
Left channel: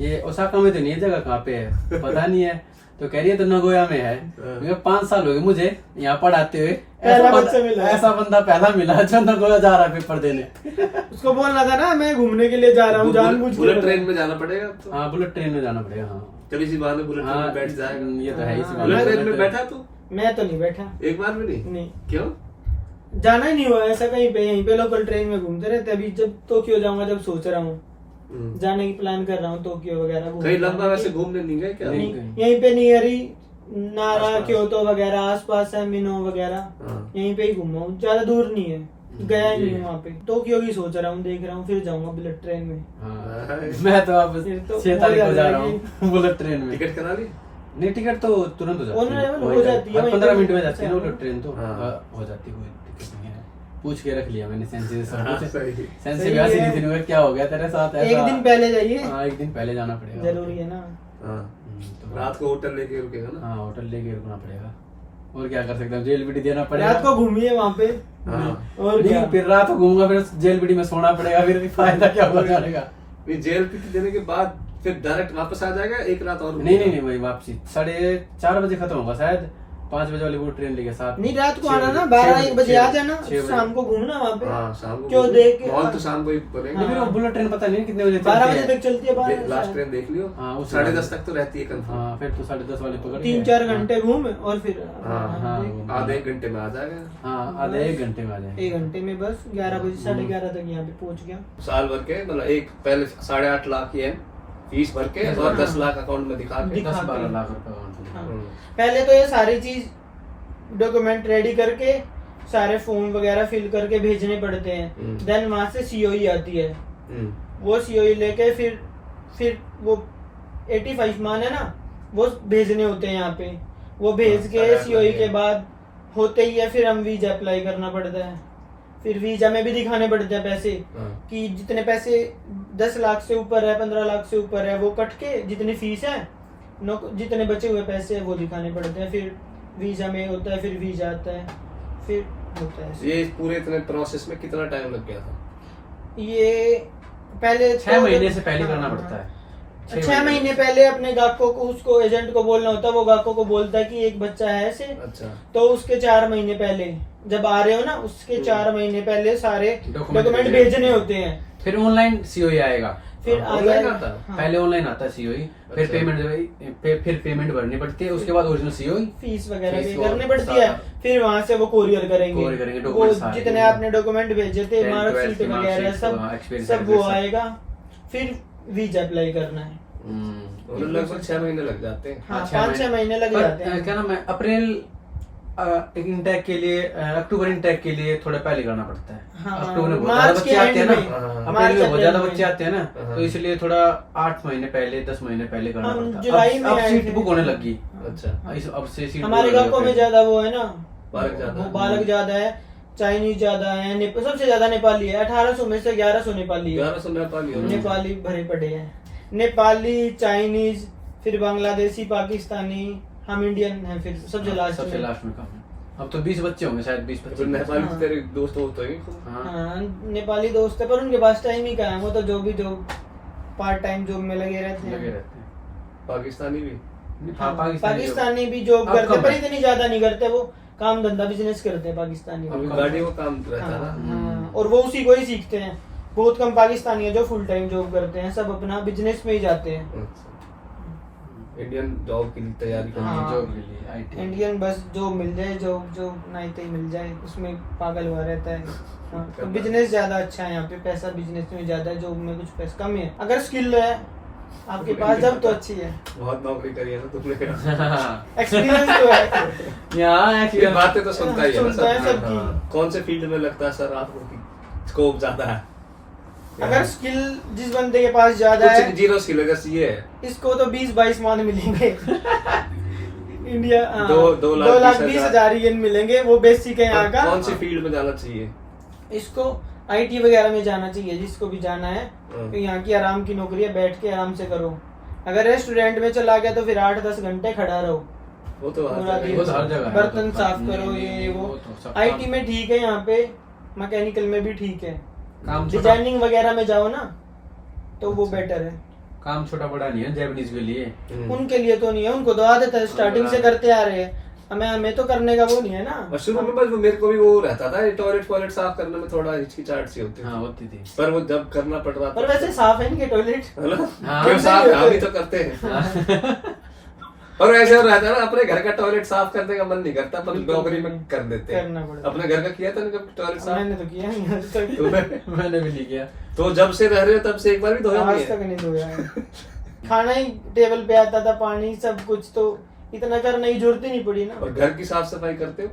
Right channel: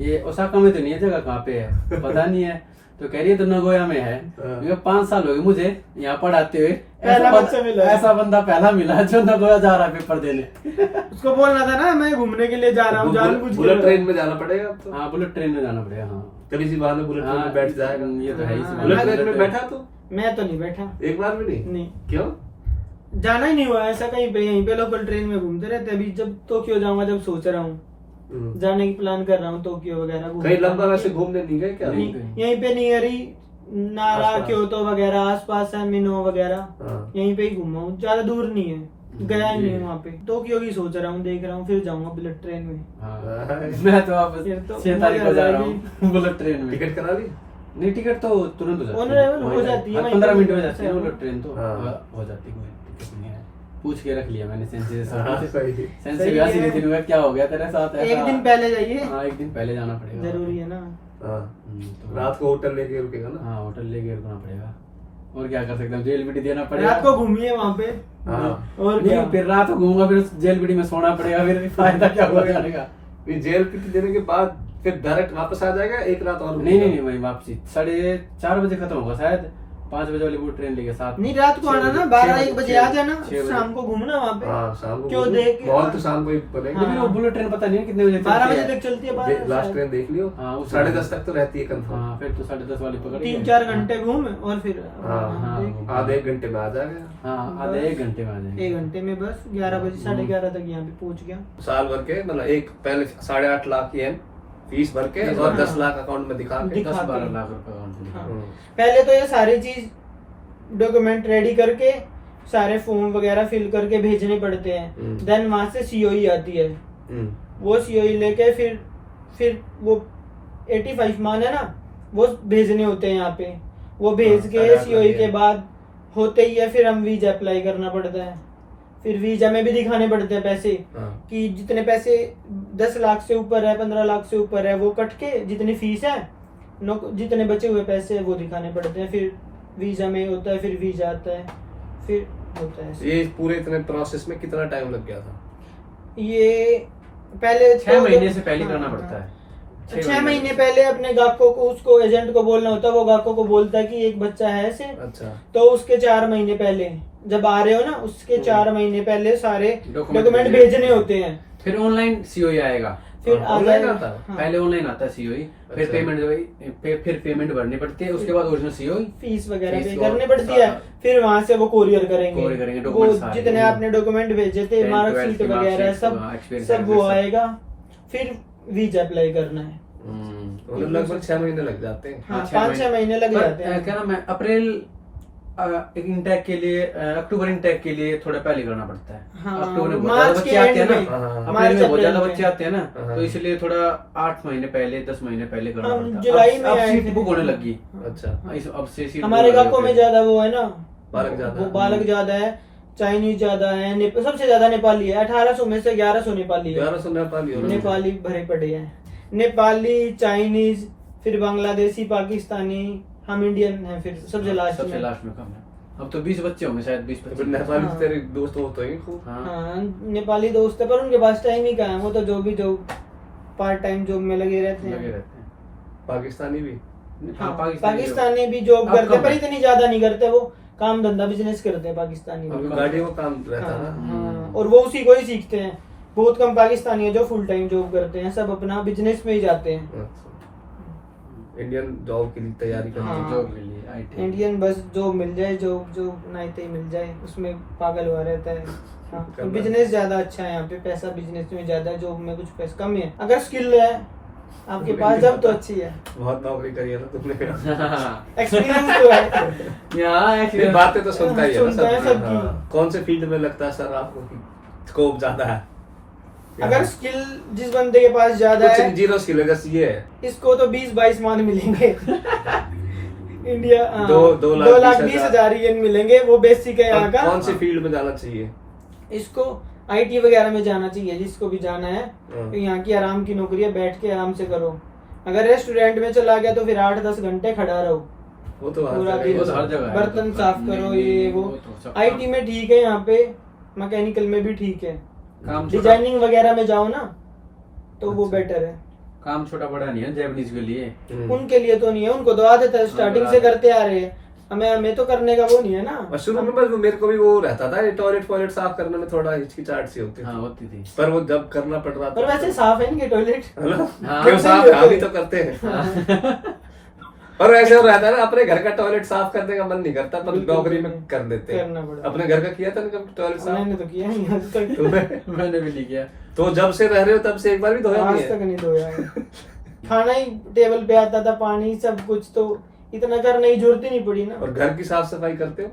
ये ओसाका में तो नहीं है, जगह कहाँ पे है पता नहीं है। तो कह रही है तो नगोया में है। हाँ। 5 साल हो गए मुझे यहाँ पढ़ाते हुए, पहला बच्चा मिला है। ऐसा बंदा पहला मिला जो नगोया जा रहा है पेपर देने। उसको बोलना था ना मैं घूमने के लिए जा रहा हूँ, जानबूझ के। बुलेट ट्रेन में जाना पड़ेगा अब तो। हाँ बुलेट ट्रेन में जाना पड़ेगा। हाँ कभी सी बात में बुलेट ट्रेन हाँ, में बैठ जाएगा। ये तो है ही सी हाँ, बात। बुलेट ट्रेन में बैठा तू मैं तो नहीं बैठा, एक बार भी नहीं? नहीं क्यों? जाना ही नहीं हुआ ऐसा कहीं पे। यहीं पे लोकल ट्रेन में घूमते रहते। अभी जब टोक्यो जाऊंगा जब सोच रहा हूँ जाने की प्लान कर रहा हूँ, टोक्यो वगैरह घूमने कहीं लंबा जाने वैसे की। घूमने नहीं गए क्या? नहीं। यहीं पे नियर ही नारा आसपास। क्योतो वगैरह आसपास है, मिनो वगैरह हाँ। यहीं पे ही घूमा हूँ, ज्यादा दूर नहीं है। गया ही नहीं ये- हूँ वहाँ पे। टोक्यो की सोच रहा हूँ, देख रहा हूँ, फिर जाऊंगा बुलेट ट्रेन में। हाँ, मैं तो अब फिर तो 6 तारीख को मजा जा रहा आएगी। हूँ बुलेट ट्रेन में। टिकट करा ली? नहीं टिकट तो तुरंत हो जाती On है। arrival हो जाती है, हर वहीं 15 पे मिनट में हो जाती है ना जाती है। बुलेट ट्रेन तो हाँ। हो जाती है, कोई दिक्कत नहीं है। पूछ के रख लिया मैंने सेंसे से हाँ, सब सही। कुछ। सेंसे सही वैसे है। ही दिन हुआ क्या हो गया तेरे साथ ऐसा? एक दिन पहले जाइए, हाँ एक दिन पहले जाना पड़ेगा। जरूरी है ना। हाँ। तो रात को होटल लेके रुकेगा ना? हाँ होटल लेके रुकना पड़ेगा, और क्या कर सकते हैं, जेल भी देना पड़ेगा। रात को घूमिए वहाँ पे। हाँ। और नहीं क्या? फिर रात को घूमूंगा, फिर जेल बीडी में सोना पड़ेगा, फिर फायदा क्या होगा जाने का। ये JLPT देने के बाद फिर डायरेक्ट वापस आ जाएगा, एक रात और नहीं नहीं नहीं वही वापसी 4:30 बजे खत्म होगा शायद, 5 बजे वाली वो ट्रेन लेके 7 नहीं रात को 6 आना ना, बजे, 12-1 बजे आ जाना, 6 बजे। शाम को घूमना वहाँ पे। हाँ शाम को क्यों घूमो। देख के- मॉल तो शाम को ही बनेंगे। लेकिन वो बुलेट ट्रेन पता नहीं कितने बजे 12 चलती बजे है। तक चलती है। 12 लास्ट ट्रेन देख लियो। हाँ, उस 10:30 तक तो रहती है कंफर्म। हाँ फिर तो 10:30 वाली पकड़ 3-4 घंटे घूम और फिर हाँ, हाँ, देख। आधे 1 घंटे में आ जाएगा। हाँ आधे 1 घंटे में आ जाएंगे। 1 घंटे में बस 11 बजे 11:30 तक यहाँ पे पहुँच गया। साल भर के मतलब एक पहले 8.5 लाख येन फीस भर के और 10 लाख अकाउंट में दिखा के। दिखा 10-12 के। लाख रुपए account में। हाँ। हम्म। पहले तो ये सारी चीज डॉक्यूमेंट रेडी करके सारे फॉर्म वगैरह फिल करके भेजने पड़ते हैं। देन वहां से COE आती है, वो COE लेके फिर वो 85 मान है ना, वो भेजने होते हैं यहाँ पे। वो भेज हाँ, के 8.5 COE के लाख बाद होते ही है, फिर हम वीजा अप्लाई करना पड़ता है। फिर वीजा में भी दिखाने पड़ते हैं पैसे हाँ। कि जितने पैसे 10 लाख से ऊपर है, 15 लाख से ऊपर है, वो कट के जितनी फीस है जितने बचे हुए पैसे हैं वो दिखाने पड़ते हैं। फिर वीजा में होता है, फिर वीजा आता है, फिर होता है। ये पूरे इतने प्रोसेस में कितना टाइम लग गया था? ये पहले 6 महीने से पहले हाँ, करना हाँ। पड़ता है। 6 महीने पहले अपने ग्राहकों को, उसको एजेंट को बोलना होता है। वो ग्राहकों को बोलता है कि एक बच्चा है ऐसे, अच्छा। तो उसके 4 महीने पहले जब आ रहे हो ना, उसके 4 महीने पहले सारे डॉक्यूमेंट भेजने भेजने होते हैं। फिर ऑनलाइन COE आएगा। फिर हाँ, आगे online आता है? हाँ, पहले ऑनलाइन आता है COE, फिर अच्छा। पेमेंट भरनी पड़ती है, उसके बाद ओरिजिनल COE। फीस वगैरह फीस पे और करनी पड़ती है। सारा- फिर वहां से वो कोरियर कोरियर करेंगे, करेंगे। वो डॉक्यूमेंट सारे। जितने आपने डॉक्यूमेंट भेजे थे, 10, मार्कशीट 12 की वगैरह marksheet, सब हाँ, experience सब वो certificate, आएगा। फिर वीजा अप्लाई करना है। लगभग 6 महीने लग जाते हैं। हाँ, हाँ, 6 5-6 महीने लग पर, जाते हैं। क्या नाम है, अप्रैल एक इंटेक के लिए अक्टूबर इंटेक के लिए थोड़ा पहले करना पड़ता है। हाँ, अक्टूबर में बहुत मार्च ज्यादा के बच्चे आते हैं end ना, में, अप्रैल मार्च में बहुत ज्यादा अप्रैल बच्चे में। आते हैं ना, तो इसलिए थोड़ा 8 महीने पहले 10 महीने पहले करना हम पड़ता है। जुलाई में अब आए सीट थे। बुक होने लगी। अच्छा अब से सीट हमारे बुक हो गांव में गई। ज्यादा वो है ना, बालक ज्यादा वो है। बालक ज्यादा है, चाइनीज ज्यादा है, सबसे ज्यादा नेपाली है। 1800 में से 1100 नेपाली है। 1100 नेपाली हो नेपाली भरे पड़े हैं, नेपाली, चाइनीज, फिर बांग्लादेशी, पाकिस्तानी, हम इंडियन हैं फिर सबसे लास्ट सबसे में। लास्ट में कम है। अब तो 20 बच्चे होंगे शायद, 20-25। फिर नेपाली हाँ। तेरे दोस्त होते हैं खूब। हाँ। हाँ, नेपाली दोस्त है पर उनके पास टाइम ही कहाँ है, वो तो जो पार्ट टाइम जॉब में लगे रहते लगे हैं। रहते हैं। पाकिस्तानी भी हाँ, पाकिस्तानी भी जॉब अब करते कम पर है। इतनी ज्यादा नहीं करते, वो काम धंधा बिजनेस करते हैं पाकिस्तानी अभी लोग। गाड़ियों का काम रहता है हाँ, ना। हाँ, और वो उसी को ही सीखते हैं। बहुत कम पाकिस्तानी है जो फुल टाइम जॉब करते हैं, सब अपना बिजनेस में ही जाते हैं। अच्छा। इंडियन जॉब की तैयारी करते हाँ। हैं। जॉब के लिए IT। इंडियन बस जो मिल जाए, जो नहीं तो ही मिल जाए, उसमें पागल हुआ रहता है। हाँ, तो करना। बिजनेस ज्यादा अच्छा है यहाँ पे, पैसा बिजनेस में ज्यादा है, जॉब में कुछ पैसा कम ही है। अगर स्किल है आपके पास जब तो अच्छी है, बहुत नौकरी करी है ना तुमने। एक्सपीरियंस तो है। यहाँ ये actually- बातें तो सुनता ही है ना सुनता है सब। सबकी। हाँ। कौन से फील्ड में लगता है सर आपको कि स्कोप ज्यादा है? अगर स्किल जिस बंदे के पास ज्यादा कुछ है, जीरो स्किल है, जैसे ये है इसको तो 20-22 मान मिलेंगे। इंडिया हाँ, 2,20,000 2,20,000 मिलेंगे, वो बेसिक है यहाँ और का। कौन सी फील्ड में जाना चाहिए? इसको IT वगैरह में जाना चाहिए, जिसको भी जाना है। हाँ। तो यहाँ की आराम की नौकरी है, बैठ के आराम से करो। अगर रेस्टोरेंट में चला गया तो फिर 8-10 घंटे खड़ा रहो, वो तो हर पूरा जगह दिन ही वो तो हर जगह है। बर्तन साफ नहीं, करो, नहीं, ये वो। तो सब IT काम- में ठीक है, यहाँ पे मैकेनिकल में भी ठीक है। काम छोटा- डिजाइनिंग वगैरह में जाओ ना तो वो अच्छा। बेटर है। काम छोटा बड़ा नहीं है जैपनीज के लिए। हम्म। उनके लिए तो नहीं है, उनको तो आदत है, स्टार्टिंग से करते आ रहे हैं। हमें तो करने का वो नहीं है ना। और शुरू में बस मेरे को भी वो रहता था, ये टॉयलेट साफ करने में थोड़ा हिचकिचाहट सी होती हाँ, थी। होती थी। पर वो जब करना पड़ रहा था पर वैसे साफ है इनके टॉयलेट। है ना? हाँ। क्यों साफ हम भी तो करते हैं। और ऐसे रहता है ना, अपने घर का टॉयलेट साफ करने का मन नहीं करता, पर बिल्कुल नौकरी में नहीं। कर देते हैं। करना पड़ता है। अपने घर का किया था ना कभी टॉयलेट साफ? मैंने तो किया नहीं आज तक। तुमने? मैंने भी नहीं किया। तो जब से रह रहे हो तब से एक बार भी धोया नहीं आज तक है? नहीं धोया है। खाना ही टेबल पे आता था, पानी सब कुछ, तो इतना करने की जरूरत ही नहीं पड़ी ना। और घर की साफ सफाई करते हो?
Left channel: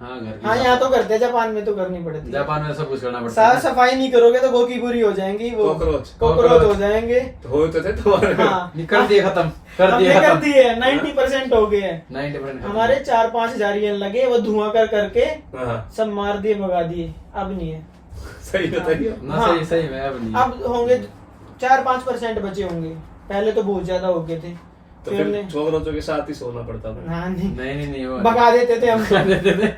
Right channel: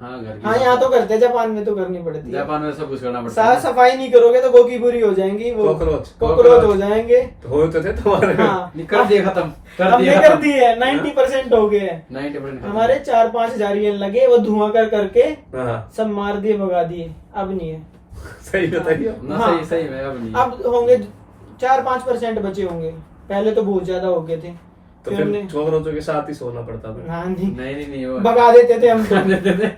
हाँ, घर की हाँ, यहाँ तो करते हैं, जापान में तो करनी पड़ती है। जापान में सब कुछ करना पड़ता है। साफ सफाई नहीं करोगे तो गोकी पूरी हो जाएंगी, वो कॉकरोच हो जाएंगे। तो हो तो थे तुम्हारे। हाँ, नहीं, कर दिए खत्म, कर हमने दिए कर खत्म। दी है, 90% हो गए हैं। 90% हमारे 4-5 हजार येन लगे, वो धुआं करके हाँ सब मार दिए, भगा दिए। अब नहीं है, सही बताइए। ना, हाँ। सही है, अब नहीं। अब होंगे 4-5% बचे होंगे। पहले तो बहुत ज्यादा हो गए थे। तो फिर हमने फिर छोकरों के साथ ही सोना पड़ता था। हाँ, नहीं नहीं वो भगा देते थे हम। देते थे।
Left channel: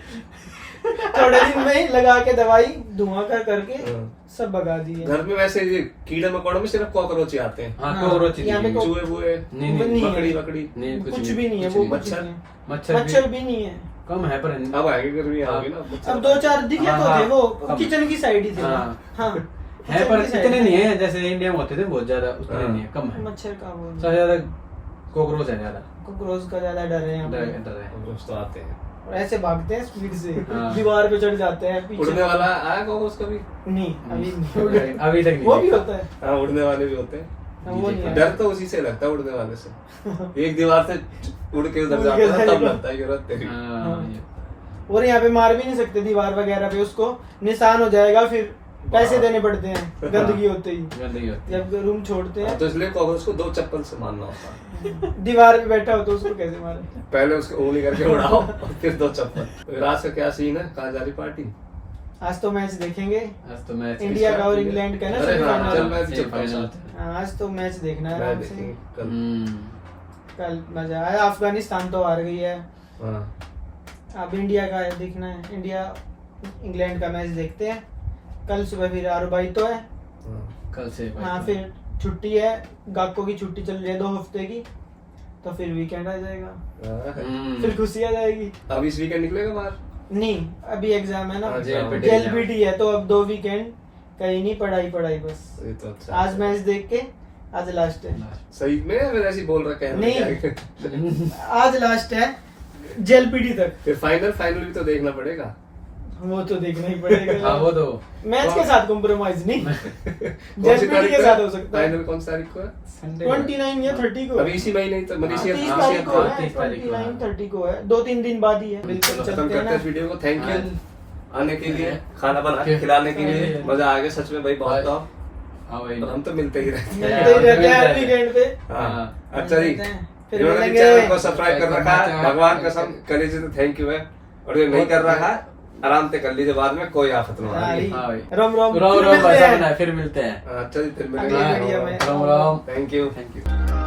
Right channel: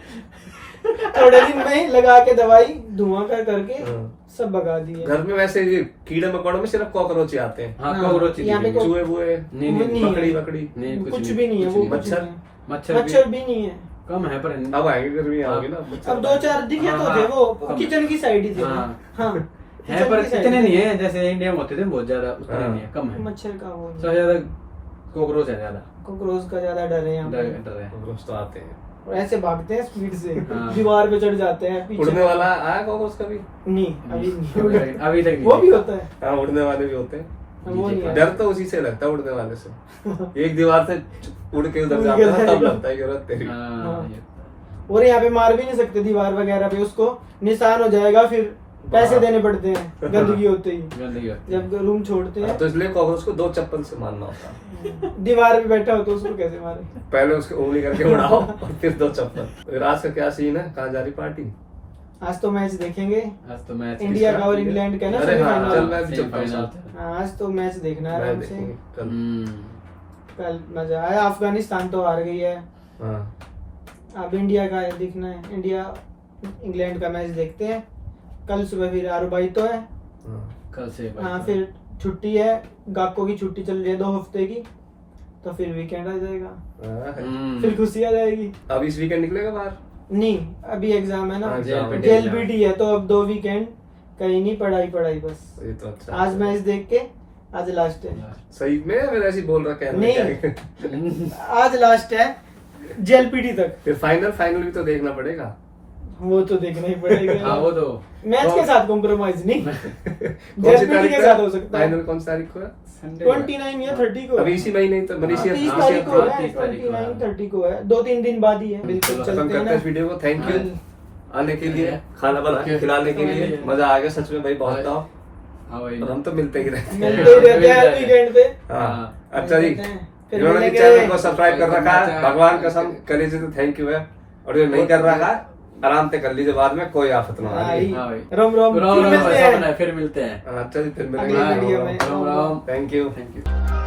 थोड़े दिन में लगा के दवाई धुआं करके हाँ। सब भगा दिए। घर में वैसे ये कीड़े मकोड़ों में सिर्फ कॉकरोच ही आते हैं। हाँ, हाँ, कॉकरोच ही यहाँ पे दिखेंगे। चूहे बुए नहीं, वो नहीं है। बकड़ी बकड़ी नहीं, कुछ भी नहीं है, वो कुछ मच्छर? नहीं है। मच्छर मच्छर भी नहीं है। कम है, पर अब आएंगे गर्मी आओगे ना मच्छर अब 2-4 दिखे हाँ, तो थे, वो हाँ। किचन की साइड ही थे। हाँ। हाँ, है, किचन पर की साइड इतने ही नहीं थे। है जैसे इंडिया में होते थे, बहुत ज्यादा उतने हाँ। नहीं है, कम है। मच्छर का वो सबसे ज्यादा कॉकरोच है ज्यादा। कॉकरोच का ज्यादा डर है यहाँ पे। डर है। कॉकरोच तो आते हैं। और ऐसे भागते हैं स्पीड से, हाँ। दीवार पे चढ़ जाते हैं पीछे। उड़ने वाला आया कॉकरोच कभी? नहीं, अभी नहीं। अभी तक नहीं। वो भी होता है। हाँ, उड़ने वाले भी होते हैं। हाँ, वो नहीं है। डर तो उसी से लगता है, उड़ने वाले से। एक दीवार से उड़ के उधर उड़ जाता के है तब जाएगा। लगता है कि जरूरत तेरी। हाँ, हाँ। ये- और यहाँ पे मार भी नहीं सकते दीवार वगैरह पे, उसको निशान हो जाएगा, फिर पैसे देने पड़ते हैं गंदगी होते ही, गंदगी होती है। जब रूम छोड़ते हाँ, हैं। तो इसलिए कॉकरोच को 2 चप्पल से मारना होता है। दीवार पे बैठा हो तो उसको कैसे मारे? पहले उसके उंगली करके उड़ाओ और फिर 2 चप्पल। फिर आज का क्या सीन है? कहाँ जा रही पार्टी? आज तो मैच देखेंगे, आज तो मैच इंडिया का और इंग्लैंड का ना अरे हाँ, सेमीफाइनल। चल मैं भी चलता हूँ सेमीफाइनल। साथ। हाँ, आज तो मैच देखना है मैं आराम से। देखूंगी कल। कल मजा आया। अफगानिस्तान तो हार गई है, हाँ अब इंडिया का है देखना है। इंडिया इंग्लैंड का मैच देखते हैं कल सुबह। फिर आरुबाई तो है। हाँ। कल से हाँ, फिर छुट्टी है, गाको की छुट्टी चल रही है 2 हफ्ते की, तो फिर वीकेंड आ जाएगा, हाँ। फिर खुशी आ जाएगी। अब इस वीकेंड निकलेगा बाहर? नहीं, अभी एग्जाम है ना, हाँ, जेएलपीटी है, तो अब 2 वीकेंड कहीं नहीं, पढ़ाई बस। ये तो अच्छा आज मैच देख के, आज लास्ट है। सही में फिर ऐसे ही बोल रहा है नहीं। आज लास्ट है जेएलपीटी तक। फिर फाइनल भी तो देखना पड़ेगा। वो तो देखना ही पड़ेगा। हाँ वो तो मैच के साथ कॉम्प्रोमाइज नहीं, कौन सी जर्मनी तारीख के को साथ हो सकता है। फाइनल कौन सी तारीख को है? संडे को है। 29 या 30 को अभी इसी महीने ही तो मनीषी 30 हाँ, तारीख को है, 30 तारीख को, 29 30 को है, 2-3 दिन बाद ही है। बिल्कुल खत्म चलते हैं करते ना। हैं इस वीडियो को। थैंक यू आने के लिए, खाना बना के Okay. खिलाने के लिए, मजा आ गया सच में भाई, बहुत था। हाँ भाई और हम तो मिलते ही रहते हैं। मिलते ही रहते हैं हर वीकेंड पे। हाँ अच्छा जी, मिलते हैं, फिर जिन्होंने भी मिलेंगे। चैनल को सब्सक्राइब कर रखा है, करना भगवान चाहते कसम हैं। कर लीजिए तो थैंक यू है, और जो नहीं कर रखा है आराम से कर लीजिए, बाद में कोई आफत ना हाँ, आए। हाँ भाई रोम रोम रोम फिर रोम मिलते ऐसा हैं। बना है, फिर मिलते हैं। अच्छा जी, फिर अगले मिलेंगे। वीडियो में। रोम रोम थैंक यू। Thank you.